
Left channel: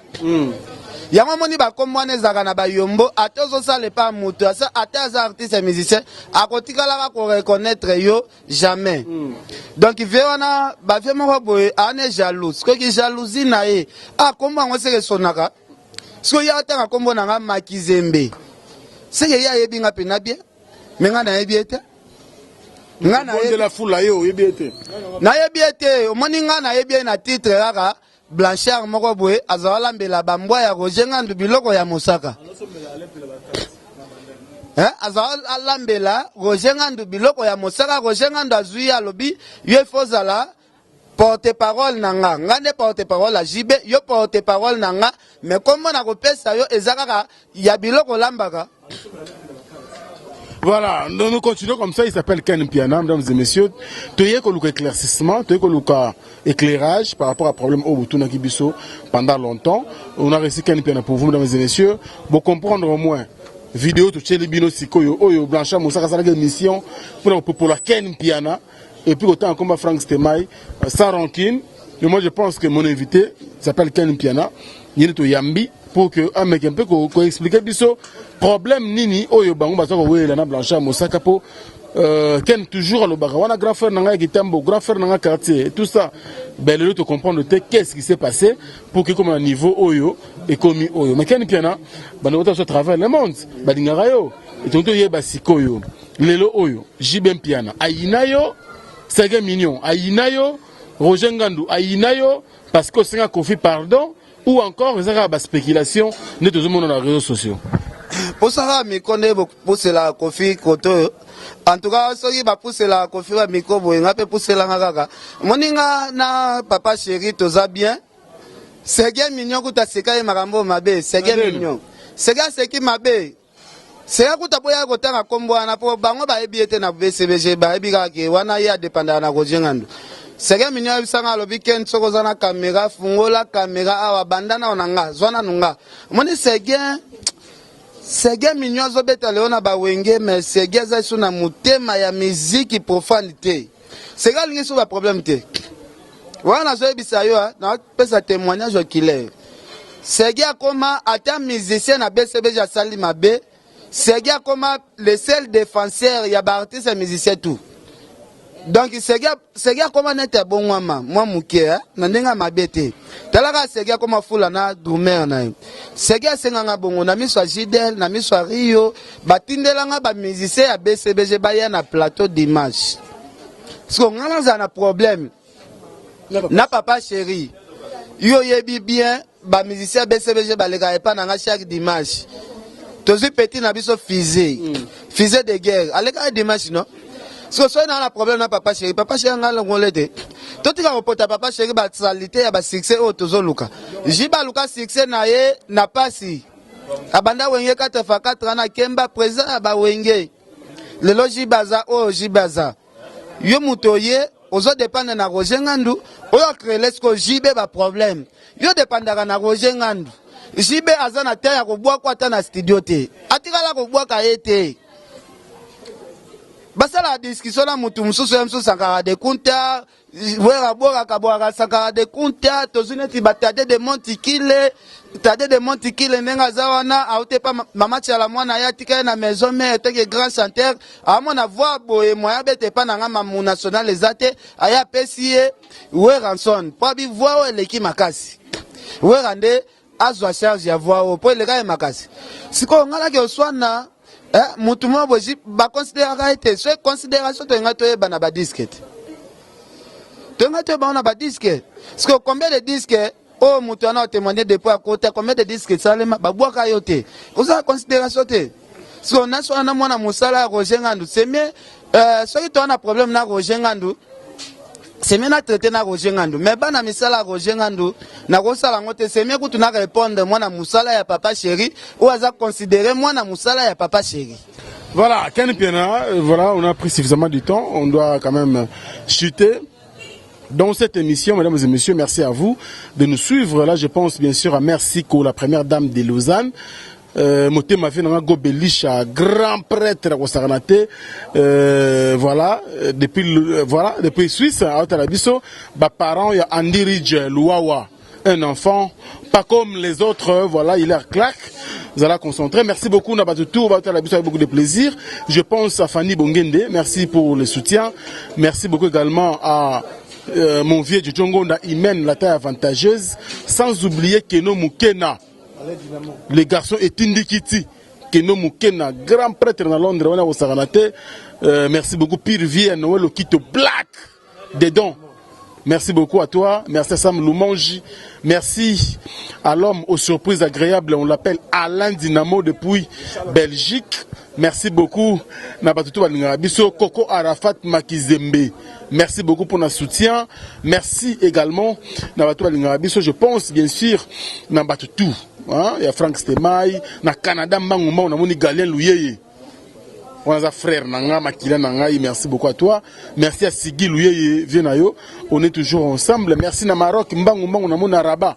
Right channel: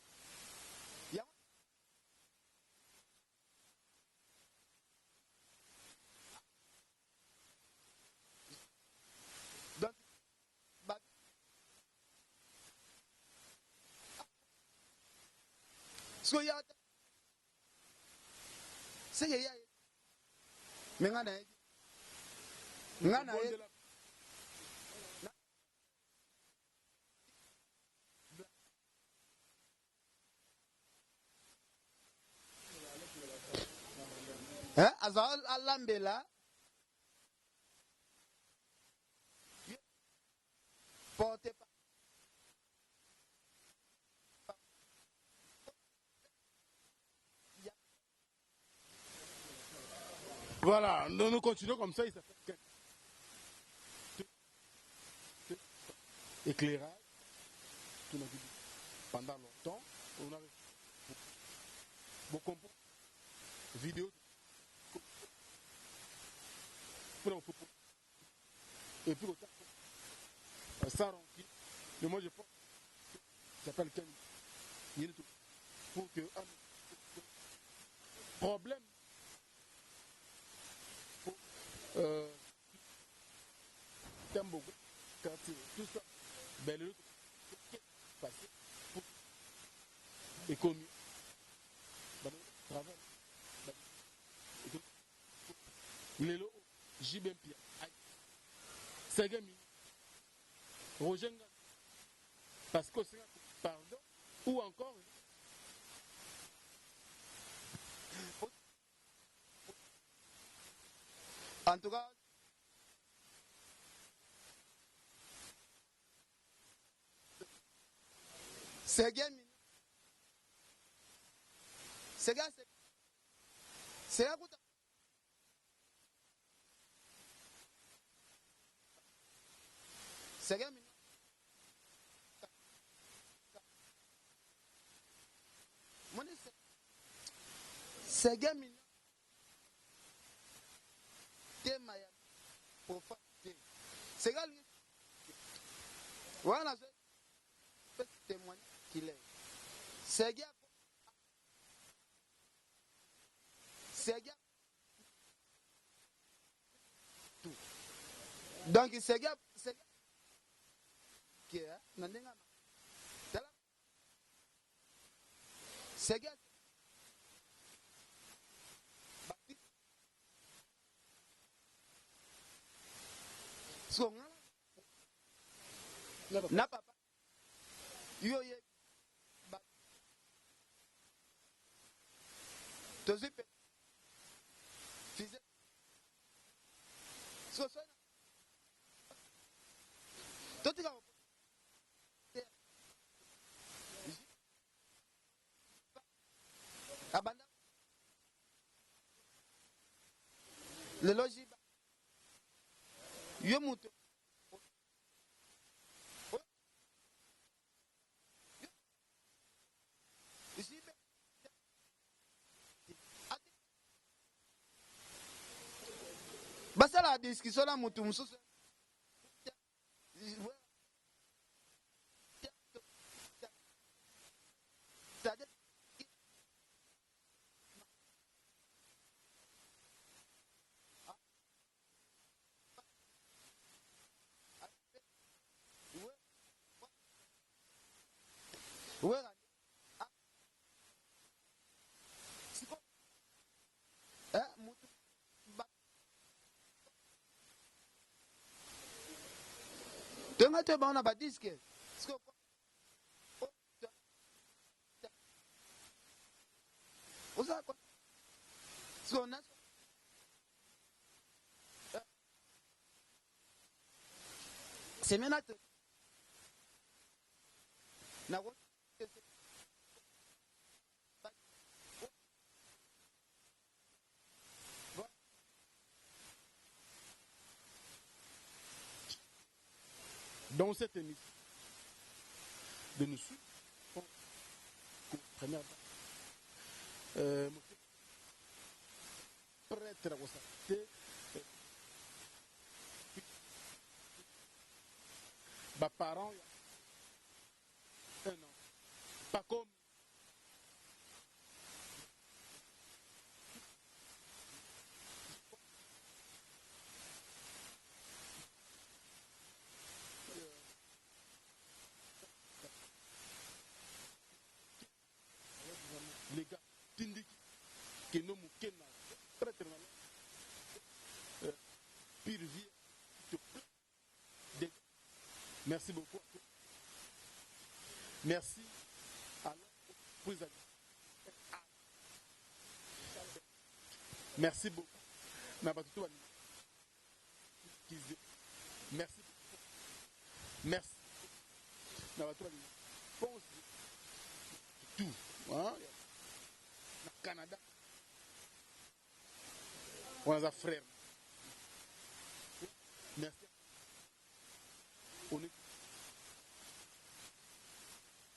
Yango moni ba komwane zaka na ba yombo atozo sale pa mutu asa ataza artiste musicien akotikala ko reconnaître yo jamais. Donc veona ba vie moko boye ane jalouse ko ki jalousie na ye a komba ngo seke sonaka so ya tanga kombo na nga Makizembe seke ya yebi nga pena bien menga na yebi ete nga na yebi la foule yo yebi ete na yebi ete omoni nga na yebi na titre kaka Blanchard moko boye azawala mbela bambwa ya Roger Ngandu biloko ya Mosaka. Azawala mbela Roger Ngandu biloko ya Mosaka. Roger Ngandu azui alobi yo fozala porte-parole nanga. Ngande porte-parole a jibe yo porte-parole nanga. Mais comment na kopesa yo ezakaka ya biloko lambaka. Voilà, nous continuons comme ça, il s'appelle Ken Piana, mesdames et messieurs. Tu as eu éclaircissement, tu as eu éclairage par rapport à problème au Butuna Kibiso pendant longtemps. On a réussi Ken Piana pour vous, mesdames et messieurs. Pour comprendre au moins, vidéo, tu as Bino Sikoyo, Oyo, Blanchard, Moussaka, ça a une mission pour la Ken Piana. Et puis autant comme Frank Stemay, sans rancune. Et moi je pense que mon invité s'appelle Ken Piana, Yeneto Yambi, pour que un mec un peu qu'on explique Biso. Problème nini oyo bango bazo ko wela na Blanchard Mosaka po ken toujours le barawana grand frère nanga Kitambo grand frère nanga quartier tout ça ben le te comprendre qu'est-ce qui s'est passé pour que comme un niveau oyo et commis oyo mais ken piana bano to travers le monde badingara yo et tonto yeba sikoyo lelo oyo jibem piana ayinayo Serge Mignon ayinayo Roger Ngandu ayinayo parce que c'est un Kofi pardon ou encore les arabes spéculation ne tout le monde dans les réseaux sociaux. Pour ça, je connais pousser la Kofi Koto. En tout cas, si je pousser la Kofi wa miko boy, nga pe pousser la ngaka. Moninga na papa chéri toza bien. Serge Mignon kuta seka makambo mabe, Serge Mignon. Serge qui mabe. Serge kuta boya kotanga kombo na po bango ba ebiete na BCBG ba ebika ke wana ya dépendant na Roger Ngandu. Serge Mignon bisanga lobi ken sokoza na caméra fungola caméra awa bandana onanga zwana nunga. Moni Serge Sege mignon zobeta leona ba wenge mais sege za suna mutema ya musique profanité. Sege lingi sou ba problème te. Wana zo ebisa yo na pesa témoignage okile. Sege akoma ata musicien na BCB ja sali mabe. Sege akoma le seul défenseur ya ba artiste et musicien tout. Donc Sege akoma nete bon wama moi muke na ndenga mabete. Talaka Sege akoma fula na drumer na. Sege senganga bongo na miso Jidel na miso Rio batindelanga ba musicien ya BCBG baya na plateau d'image. Parce que ngana za na problème. Na papa chéri. Yo yebi bien ba musicien BCBG baleka epa na chaque dimanche. Tozi petit na biso fusée. Fusée de guerre. Aleka dimanche non? So na la problème na papa chéri nga longolete. Totika opota papa chéri ba salité ya ba succès o tozoluka. Jiba luka succès na ye na pasi. Abanda wenge 4x4 na kemba présent ba wenge. Lelo jibaza o jibaza. Yo mutoye ozo dépendre na Roger Ngandu, oyo créer lesko jibe ba problème. Yo dépendaka na Roger Ngandu. Jibe azana terre ya kobwa kwa ta na studio te. Atikala kobwa ka ete. Basala la discussion la mutu mususu ya mususu sakara de kunta, wera bora kabora sakara de kunta, tozuneti batade de montikile, tade de montikile nenga zawana, aote pa mama chala mwana ya tika na maison mère teke grand chanteur, amona voix boye moya bete pa na ngama mu national ezate, aya pesie, wera son, pabi voix eleki makasi. Wera nde azwa charge ya voix o, po eleka makasi. Siko ngala ke oswana mutu mo boji ba considérer été ce considération to ngato ba na ba disquette to ngato ba na ba disquette parce que combien de disques oh mutu ana témoigner depuis à côté combien de disques salema ba boka yote oza considération te parce que na so na mona musala Roger Ngandu c'est mieux so qui a un problème na Roger Ngandu c'est mieux na traiter na Roger Ngandu mais ba na misala Roger Ngandu na kosala ngote c'est mieux que tu na répondre moi na musala ya papa chéri ou aza considérer moi na musala ya papa chéri. Voilà, Ken Piana, voilà, on a pris suffisamment du temps, on doit quand même chuter. Dans cette émission, mesdames et messieurs, merci à vous de nous suivre. Là, je pense bien sûr à Mercico, la première dame de Lausanne. Moté m'a fait un gobelisha, grand prêtre à Saranate. Voilà, depuis Suisse, à Otalabiso, bah parents, il y a Andy Ridge, Louawa, un enfant, pas comme les autres, voilà, il est claque. Vous allez concentrer. Merci beaucoup, Nabatutu, on va Otalabiso avec beaucoup de plaisir. Je pense à Fanny Bongende, merci pour le soutien. Merci beaucoup également à mon vieux Djongonda Imen, la taille avantageuse, sans oublier Keno Mukena. Les garçons et Tindikiti, Keno Mukena, grand prêtre dans Londres, on a au Saranate. Merci beaucoup, Pire Vie, Noël Okito Black, Dedon. Merci beaucoup à toi, merci à Sam Loumangi, merci à l'homme aux surprises agréables, on l'appelle Alain Dynamo depuis Belgique. Merci beaucoup, Nabatutu Balingarabiso, Koko Arafat Makizembe. Merci beaucoup pour notre soutien. Merci également, Nabatutu Balingarabiso. Je pense bien sûr, Nabatutu. Il y a Frank Stemai, na Canada, Manguma, on a moni Galien Louyeye. On a un frère, Nanga, Makila Nanga, merci beaucoup à toi. Merci à Sigi Louyeye, Vienayo. On est toujours ensemble. Merci na Maroc, Mbanguma, on a mon Araba.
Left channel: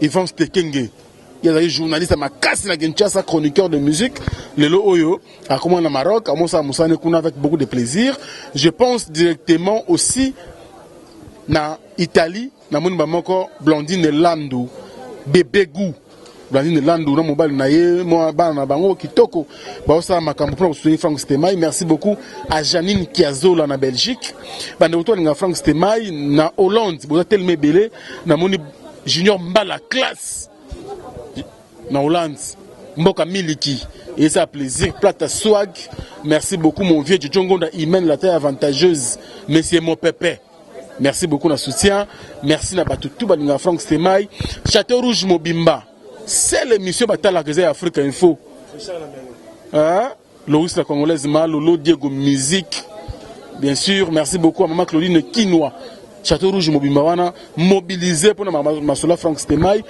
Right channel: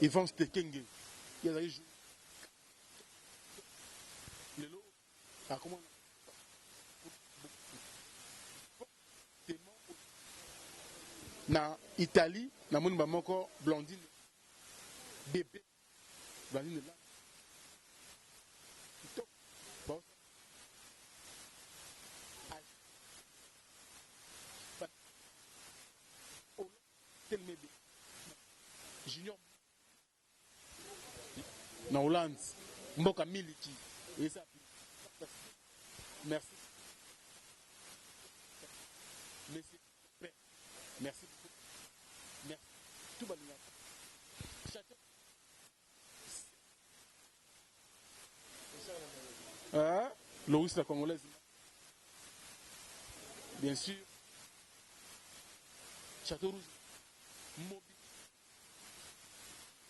Ivan Stekenge. Il y a des journalistes à Makassi, na Kinshasa, chroniqueur de musique. Lelo Oyo, à comment na Maroc, à Moussa Moussane Kouna avec beaucoup de plaisir. Je pense directement aussi na Italie, na mon Bamako, Blandine Landou. Bébé Gou, Blandine Landou, non mobile naye, moi bana bango kitoko, ba osa makambo pour soutenir Frank Stemai. Merci beaucoup à Janine Kiazola na Belgique. Bande auto nga Frank Stemai na Hollande, boza tellement belé na moni Junior Mbala classe na Hollande, Mboka Miliki. Et ça plaisir, plate swag. Merci beaucoup mon vieux Djongonda Imen, la taille avantageuse, monsieur mon pépé. Merci beaucoup de soutien. Merci à Batutu, Balinga Frank Stemai. Château Rouge Mobimba. C'est l'émission Batala Gazé Afrique Info. Loïs la Congolaise Malolo, Diego Musique. Bien sûr, merci beaucoup à Maman Claudine Kinoa. Château Rouge Mobimba, wana mobilisé pour Masola Frank Stemai.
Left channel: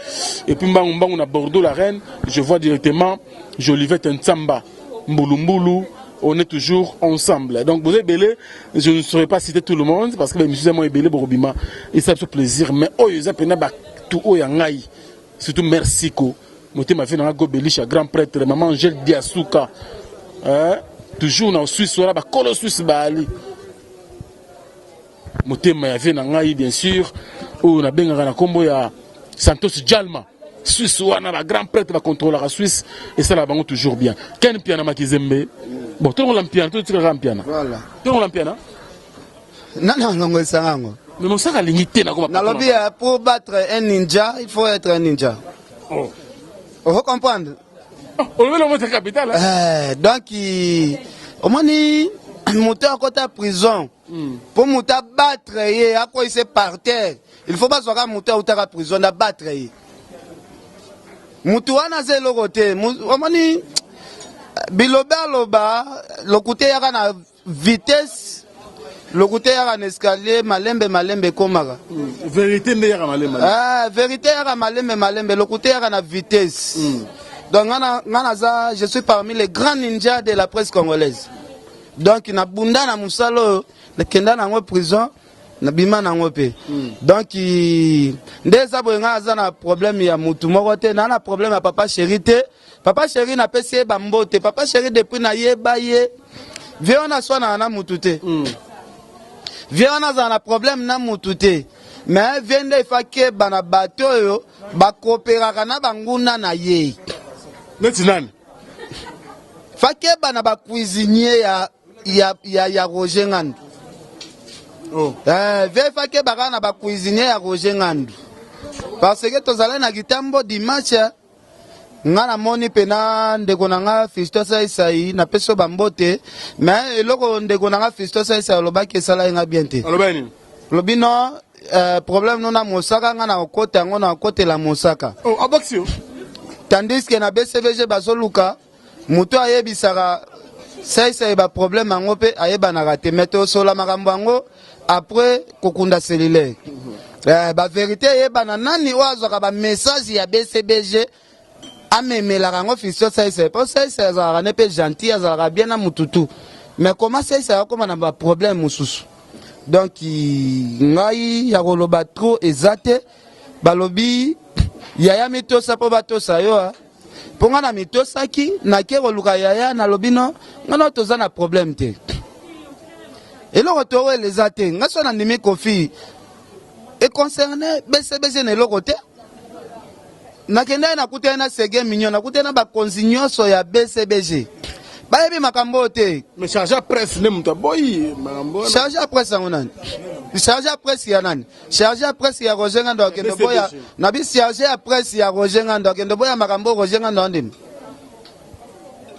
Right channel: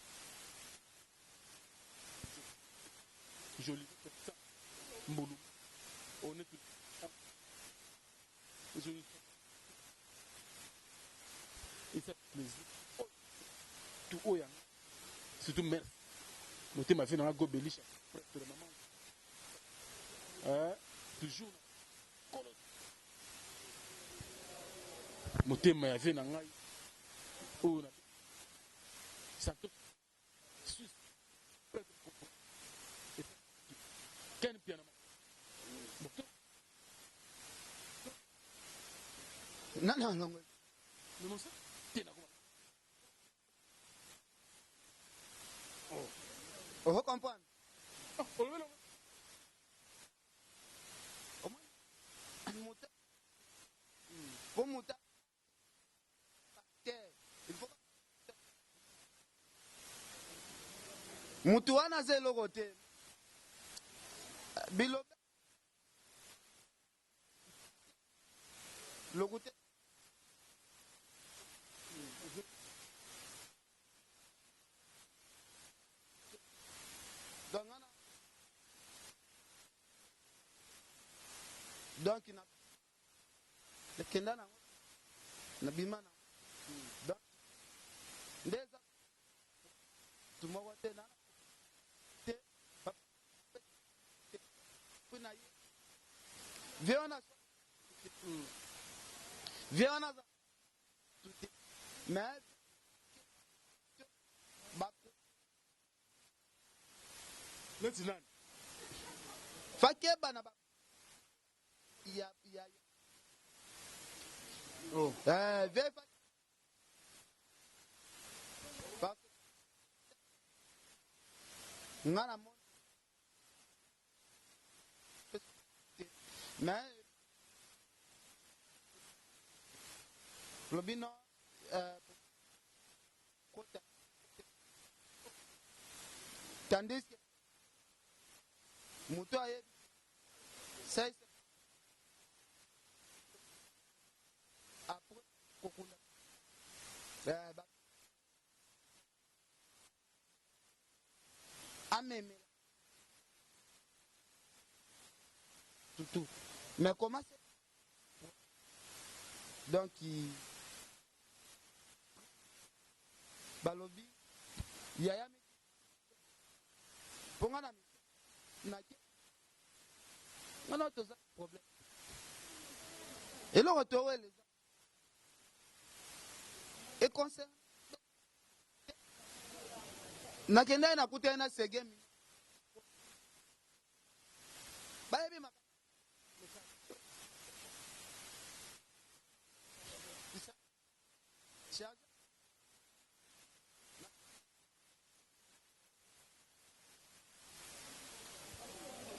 Et puis on a Bordeaux, la reine. Je vois directement Jolivette Ntsamba, Mbulumbulu. On est toujours ensemble. Donc, vous êtes belé, je ne saurais pas citer tout le monde parce que les musiciens sont belé pour et ça fait plaisir. Mais, oh, ils ont tout, oh, surtout Mercico, motema vie na Gobelisha grand prêtre maman Angèle Diasuka toujours na Suisse wala ba kolo Suisse bali motema ya vie na ngai bien sûr o na bengaka na kombo ya Santos Jalma Suisse wana ba grand prêtre ba contrôler la Suisse et ça là bango toujours bien Ken Piana Makizembe bon tout le monde piano tout le monde piano voilà tout le monde piano non ngongo sango mais mon sac a limité na comme nalobi pour battre un ninja il faut être un ninja vous comprenez on veut le monter capital donc au moins ni moteur à côté de prison pour monter battre et à quoi il s'est par terre il faut pas soit moteur ou à prison à battre mutuana zelo côté au moins ni biloba loba le côté ya na vitesse le côté ya na escalier malembe komaka vérité nde ya malembe vérité ya malembe le côté ya na vitesse donc je suis parmi les grands ninjas de la presse congolaise donc na bunda na musalo na kenda na ngo prison na bima na ngo pe donc ndeza boyenga za na problème ya mutu moko te na problème ya papa chéri te papa chéri na pesi ba mbote papa chéri depuis na yeba ye viona swana na mutu te viona za na problème na mutu te mais viende ifake bana bato yo ba coopérera na banguna na ye nani fake bana ba cuisinier ya Roger Ngandu fake bana ba cuisinier ya Roger Ngandu parce que tozala na gitambo dimanche ngana moni pena ndeko nanga Fisto Saisai na peso bambote mais eloko ndeko nanga Fisto Saisai lobaki sala nga bien te lobino problème non na Mosaka ngana kote yango na kote la Mosaka aboxio tandis que na BCVG bazoluka muto ayebisaka Saisai ba problème yango pe ayeba na raté meto sola makambo yango après kokunda cellulaire ba vérité yeba na nani wazaka ba message ya BCBG amemelaka yango Fisto Saisai po Saisai azalaka ne pe gentil azalaka bien na mututu mais comment Saisai akoma na ba problème mosusu donc ngai ya koloba trop ezate balobi yaya mitosa po batosa yo po nga na mitosaki nake koluka yaya nalobi no ngana toza na problème te eloko toeleza te nga so nandimi kofi e concerne BCBG na eloko te nakenda nakutana na sege mignon nakutana ba konzi nyonso ya BCBG bayebi makambo te mais charge à presse ne muta boy makambo charge à presse nani charge à presse ya nani charge à presse ya Roger Ngandu akendo boya na bi charge à presse ya Roger Ngandu akendo boya makambo Roger Ngandu ndim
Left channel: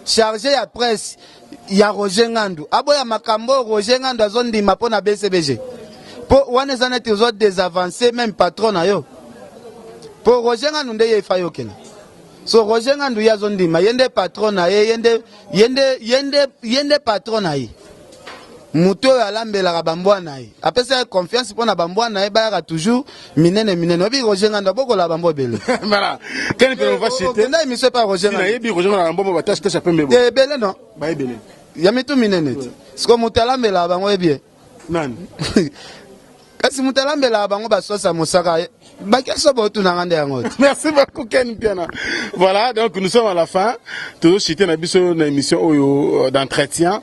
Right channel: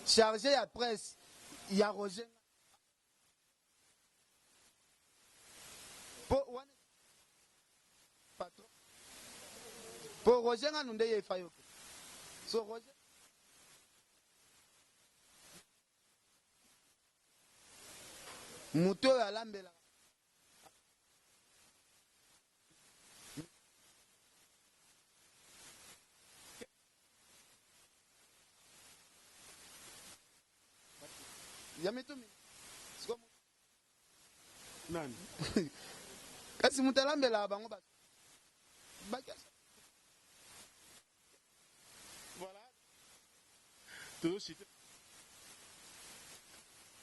charge à presse ya Roger Ngandu aboya makambo Roger Ngandu azondima po na BCBG po wana zanete zo désavancer même patron na yo po Roger Ngandu nde ye fayo kena so Roger Ngandu yazondima yende patron na ye yende patron na ye muto alambela bambwa na ye apesa confiance pour na bambwa na ye ba toujours minene obi Roger Ngandu boko la bambwa bele voilà quel peut on va citer na émission pas Roger Ngandu na yebi Roger Ngandu bambwa ba tâche pembe te bele non ba bele ya mitu minene ce que muto alambela bango ebie nani kasi muto alambela bango ba sosa mosaka. Merci beaucoup Ken Piana. Voilà, donc nous sommes à la fin. Toujours cité une émission d'entretien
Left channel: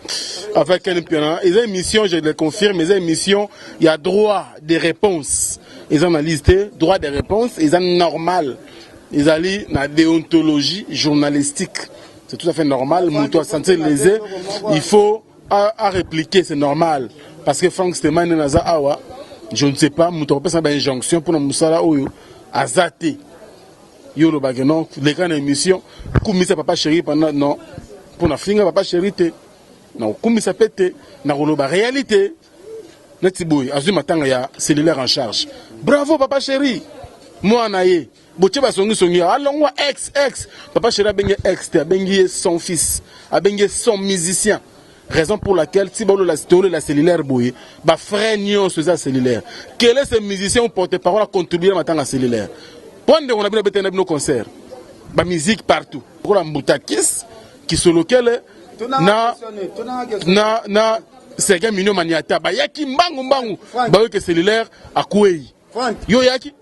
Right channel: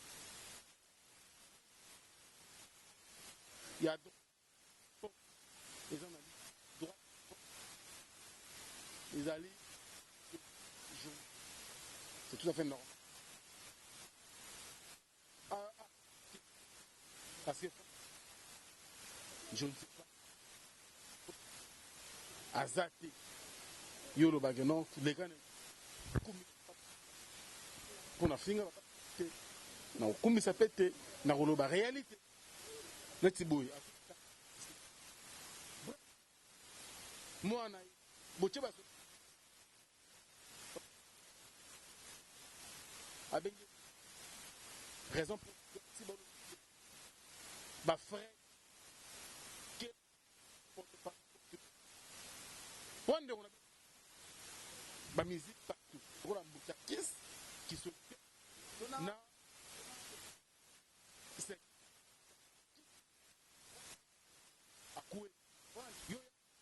avec Ken Piana. Et une émission, je le confirme, mais une émission, il y a droit de réponse. Ils ont listé droit de réponse, ils ont normal. Ils ont la déontologie journalistique. C'est tout à fait normal. Il faut à répliquer, c'est normal. Parce que Frank Stein Naza Awa. Je ne sais pas, je ne sais pas une injonction pour nous à zater. Yo le bagnon, les grandes émissions, comme ça papa chéri pendant non, pour la finir papa chéri te, non comme ça pète, na la réalité. Netiboui, azuma matanga ya cellulaire en charge. Bravo papa chéri, moi naïe, boche ba songi, allons ex, papa chéri a bengi ex, a bengi son fils, a bengi son musicien. Raison pour laquelle, si vous avez la cellulaire, vous frère sur la cellulaire. Quel est ce musicien ou porte-parole à contribuer à la cellulaire? Pendant qu'on a bien nos concerts, la musique partout. Pour la Mboutakis, qui sur lequel na Sergei Mignon Maniata, yaki mbangu, que cellulaire à Kouei. Yo yaki?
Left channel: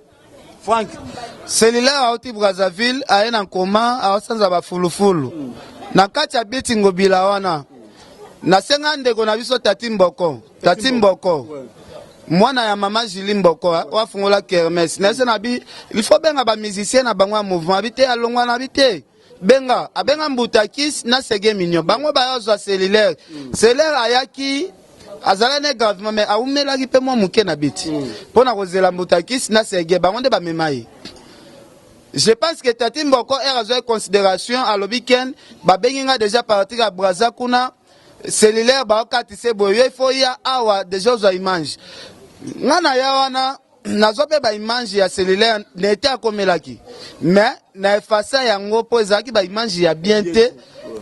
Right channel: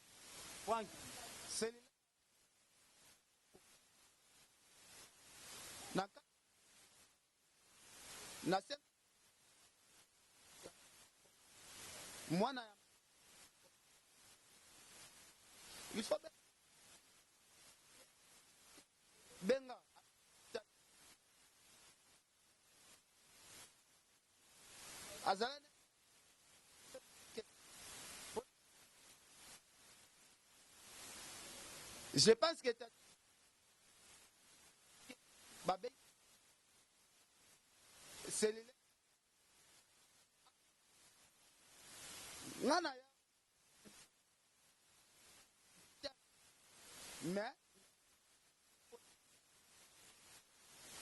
Frank, cellulaire auti Brazzaville aye na koma aosanza ba fulufulu. Na kati ya biti ngobila wana. Na senga ndeko na biso Tati Mboko. Mwana ya mama Julie Mboko wa fungola kermesse. Na se na bi il faut benga ba musicien na bangwa mouvement habité alongwa na habité. Benga abenga Mbutakis na Sege Mignon. Bango ba yo cellulaire. Cellulaire ayaki azala ne gravement mais aumela ki pe mo muke na biti. Pona kozela Mbutakis na Sege bango nde ba memayi. Je pense que Tati Mboko est considération à l'obikend, babenga déjà partir à Brazakuna, cellulaire bakatise boye il faut ya awa déjà aux images. Ngana ya wana nazope ba image ya cellulaire n'était akomelaki. Mais na effacer yango po ezaki ba image ya bien te.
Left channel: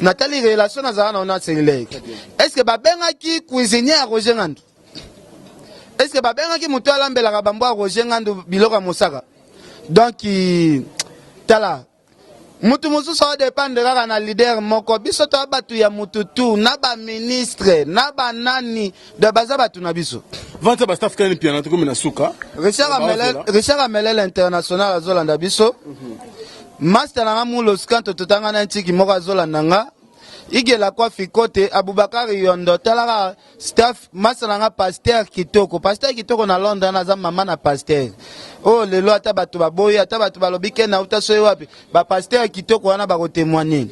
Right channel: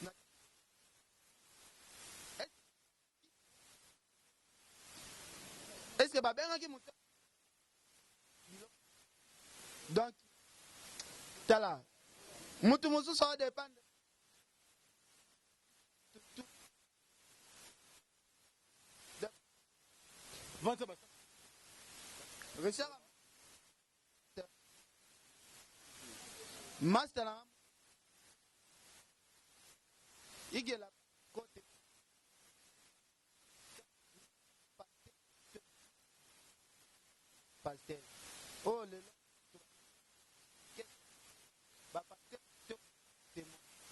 Natali relation na na cellulaire. Est-ce que babenga ki cuisinier à Roger Ngandu? Est-ce que babenga ki muto alambela ka bambo a Roger Ngandu biloko mosaka? Donc tala mutu mususu sa dépendre kaka na leader moko biso to batu ya mutu tu na ba ministre na ba nani de baza batu na biso vanta ba staff kan piano to komena suka Richard Amelel international azolanda biso master na mulo skanto totanga na ntiki moko azolanda nga igela kwa fikote Abubakar Yondo talaka staff masalanga pasteur kitoko na Londres na za mama na pasteur oh lelo ata batu baboya ata batu balobike na utasoye wapi ba pasteur kitoko wana ba ko témoigner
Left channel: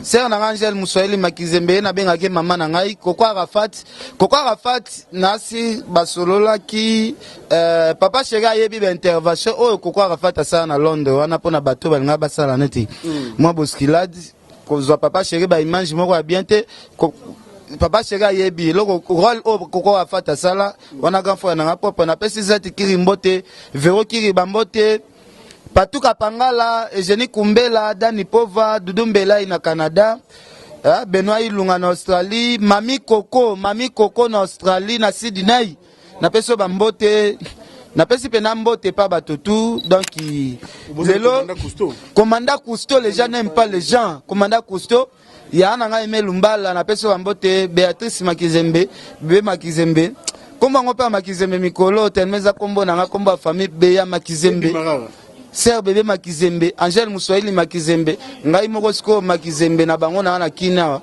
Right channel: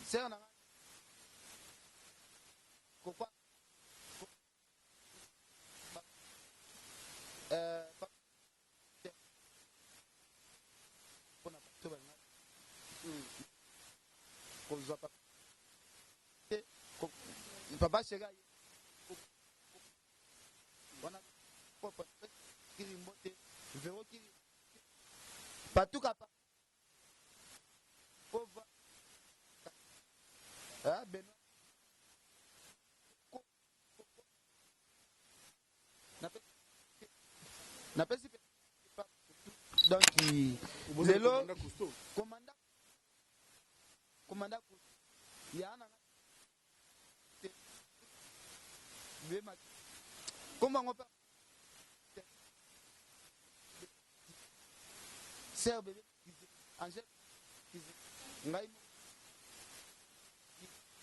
sœur na Angel Muswahili Makizembe na benga ke mama na ngai Koko Arafat nasi basolola ki papa Chega yebi ba intervention oh Koko Arafat asa na Londres wana pona batu balinga basala neti moi boskilade kozwa papa Chéri ba image moko ya bien te papa Chéri yebi loko rôle o Koko Arafat sala wana grand frère na propre na pesi zati kiri mbote vero kiri bambote Patuka Pangala Eugénie Kumbela Dani Pova Dudu Mbela ina Canada Benoît Ilunga na Australie Mami Coco na Australie na Sydney na peso bambote na pesi pena mbote pa batutu donc lelo commandant Cousteau les gens n'aiment pas les gens commandant Cousteau ya nanga Aimé Lumbala na peso bambote Béatrice Makizembe Bébé Makizembe kombo ngo pa Makizembe mikolo telmeza kombo nanga kombo ya famille Beya Makizembe Sœur Bébé Makizembe Angel Muswahili Makizembe ngai moko siko Makizembe na bango na kina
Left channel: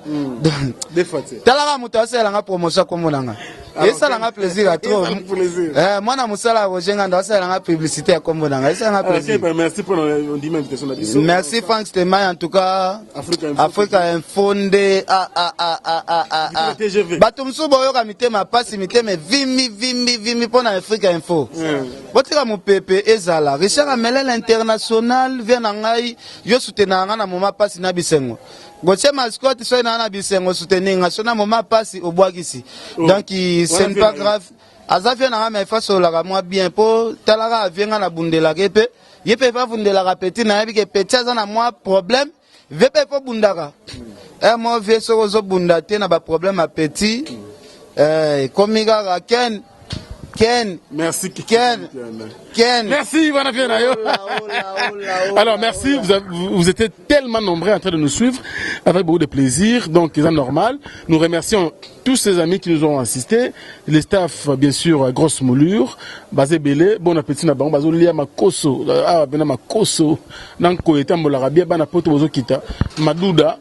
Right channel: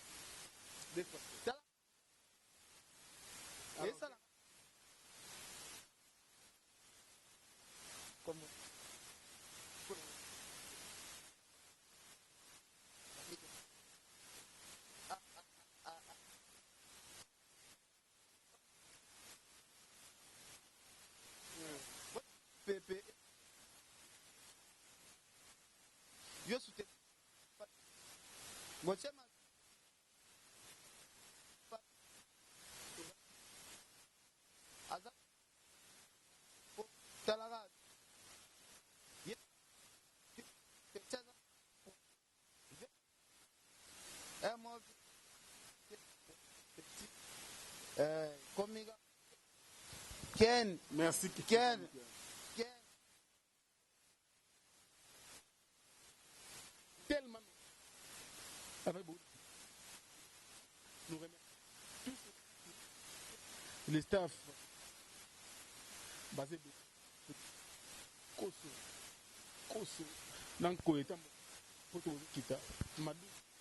talaka muto asela nga promotion kombo nanga et ça l'a plaisir à trop. Moi na musala Roger Ngandu ça l'a publicité à kombo nanga et ça l'a plaisir. Merci pour l'invitation là. Merci Frank Stemai en tout cas Africa Info nde bato msusu boyoka mitema pasi mitema vimi pona Africa Info. Botika mopepe ezala Richard Amelel international vient na ngai yo soutenir nga na moma pasi na bisengo. Goche mascotte so na bisengo soutenir nga so na moma pasi obwakisi. Donc c'est pas grave. Azafia na ma fa so la moi bien po talara vienga na bundela kepe. Yepe fa bundela petit na yebi ke petit za na moi problème. Vepe po bundaka. Moi vie so zo bundate na ba problème à petit. Komiga Ken. Merci Ken. Merci, alors merci, vous étiez tellement nombreux en train de nous suivre avec beaucoup de plaisir, donc c'est normal. Nous remercions tous ces amis qui nous ont assistés, les staffs bien sûr grosse moulure, Bazé Belé, bon appétit na bango, Bazo Lia Makoso, Bena Makoso, Nanko et Tambolarabia, Bana Poto Bozo Kita, Madouda.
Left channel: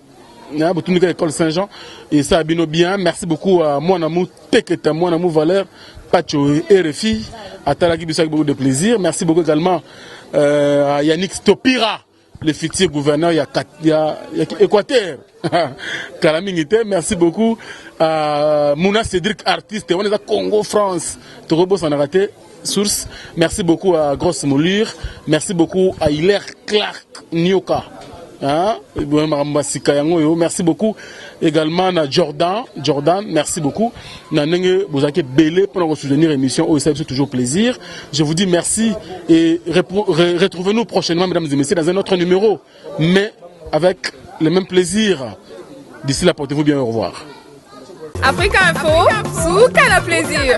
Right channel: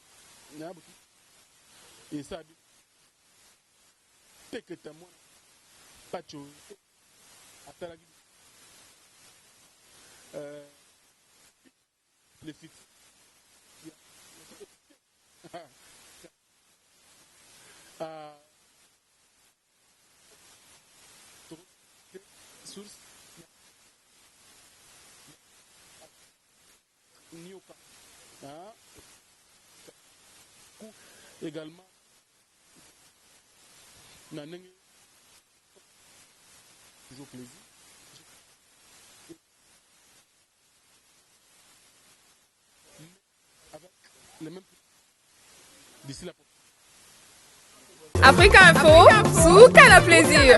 Botunika école Saint-Jean et ça a bien. Merci beaucoup à mon amour Teketa, mon amour Valère, Pacho et RFI, à Talaki Bissau avec beaucoup de plaisir. Merci beaucoup également à Yannick Stopira, le futur gouverneur, il y a Équateur, Calamingité. Merci beaucoup à Mouna Cédric, artiste, on est à Congo, France, Torobo Sanarate, source. Merci beaucoup à Grosse Moulure. Merci beaucoup à Hilaire Clark Nyoka. Merci beaucoup également à Jordan, merci beaucoup. Vous avez belé pour nous soutenir l'émission. C'est toujours plaisir. Je vous dis merci et retrouvez-nous prochainement, mesdames et messieurs, dans un autre numéro, mais avec le même plaisir. D'ici là, portez-vous bien, au revoir. Africa Info, sous quel plaisir.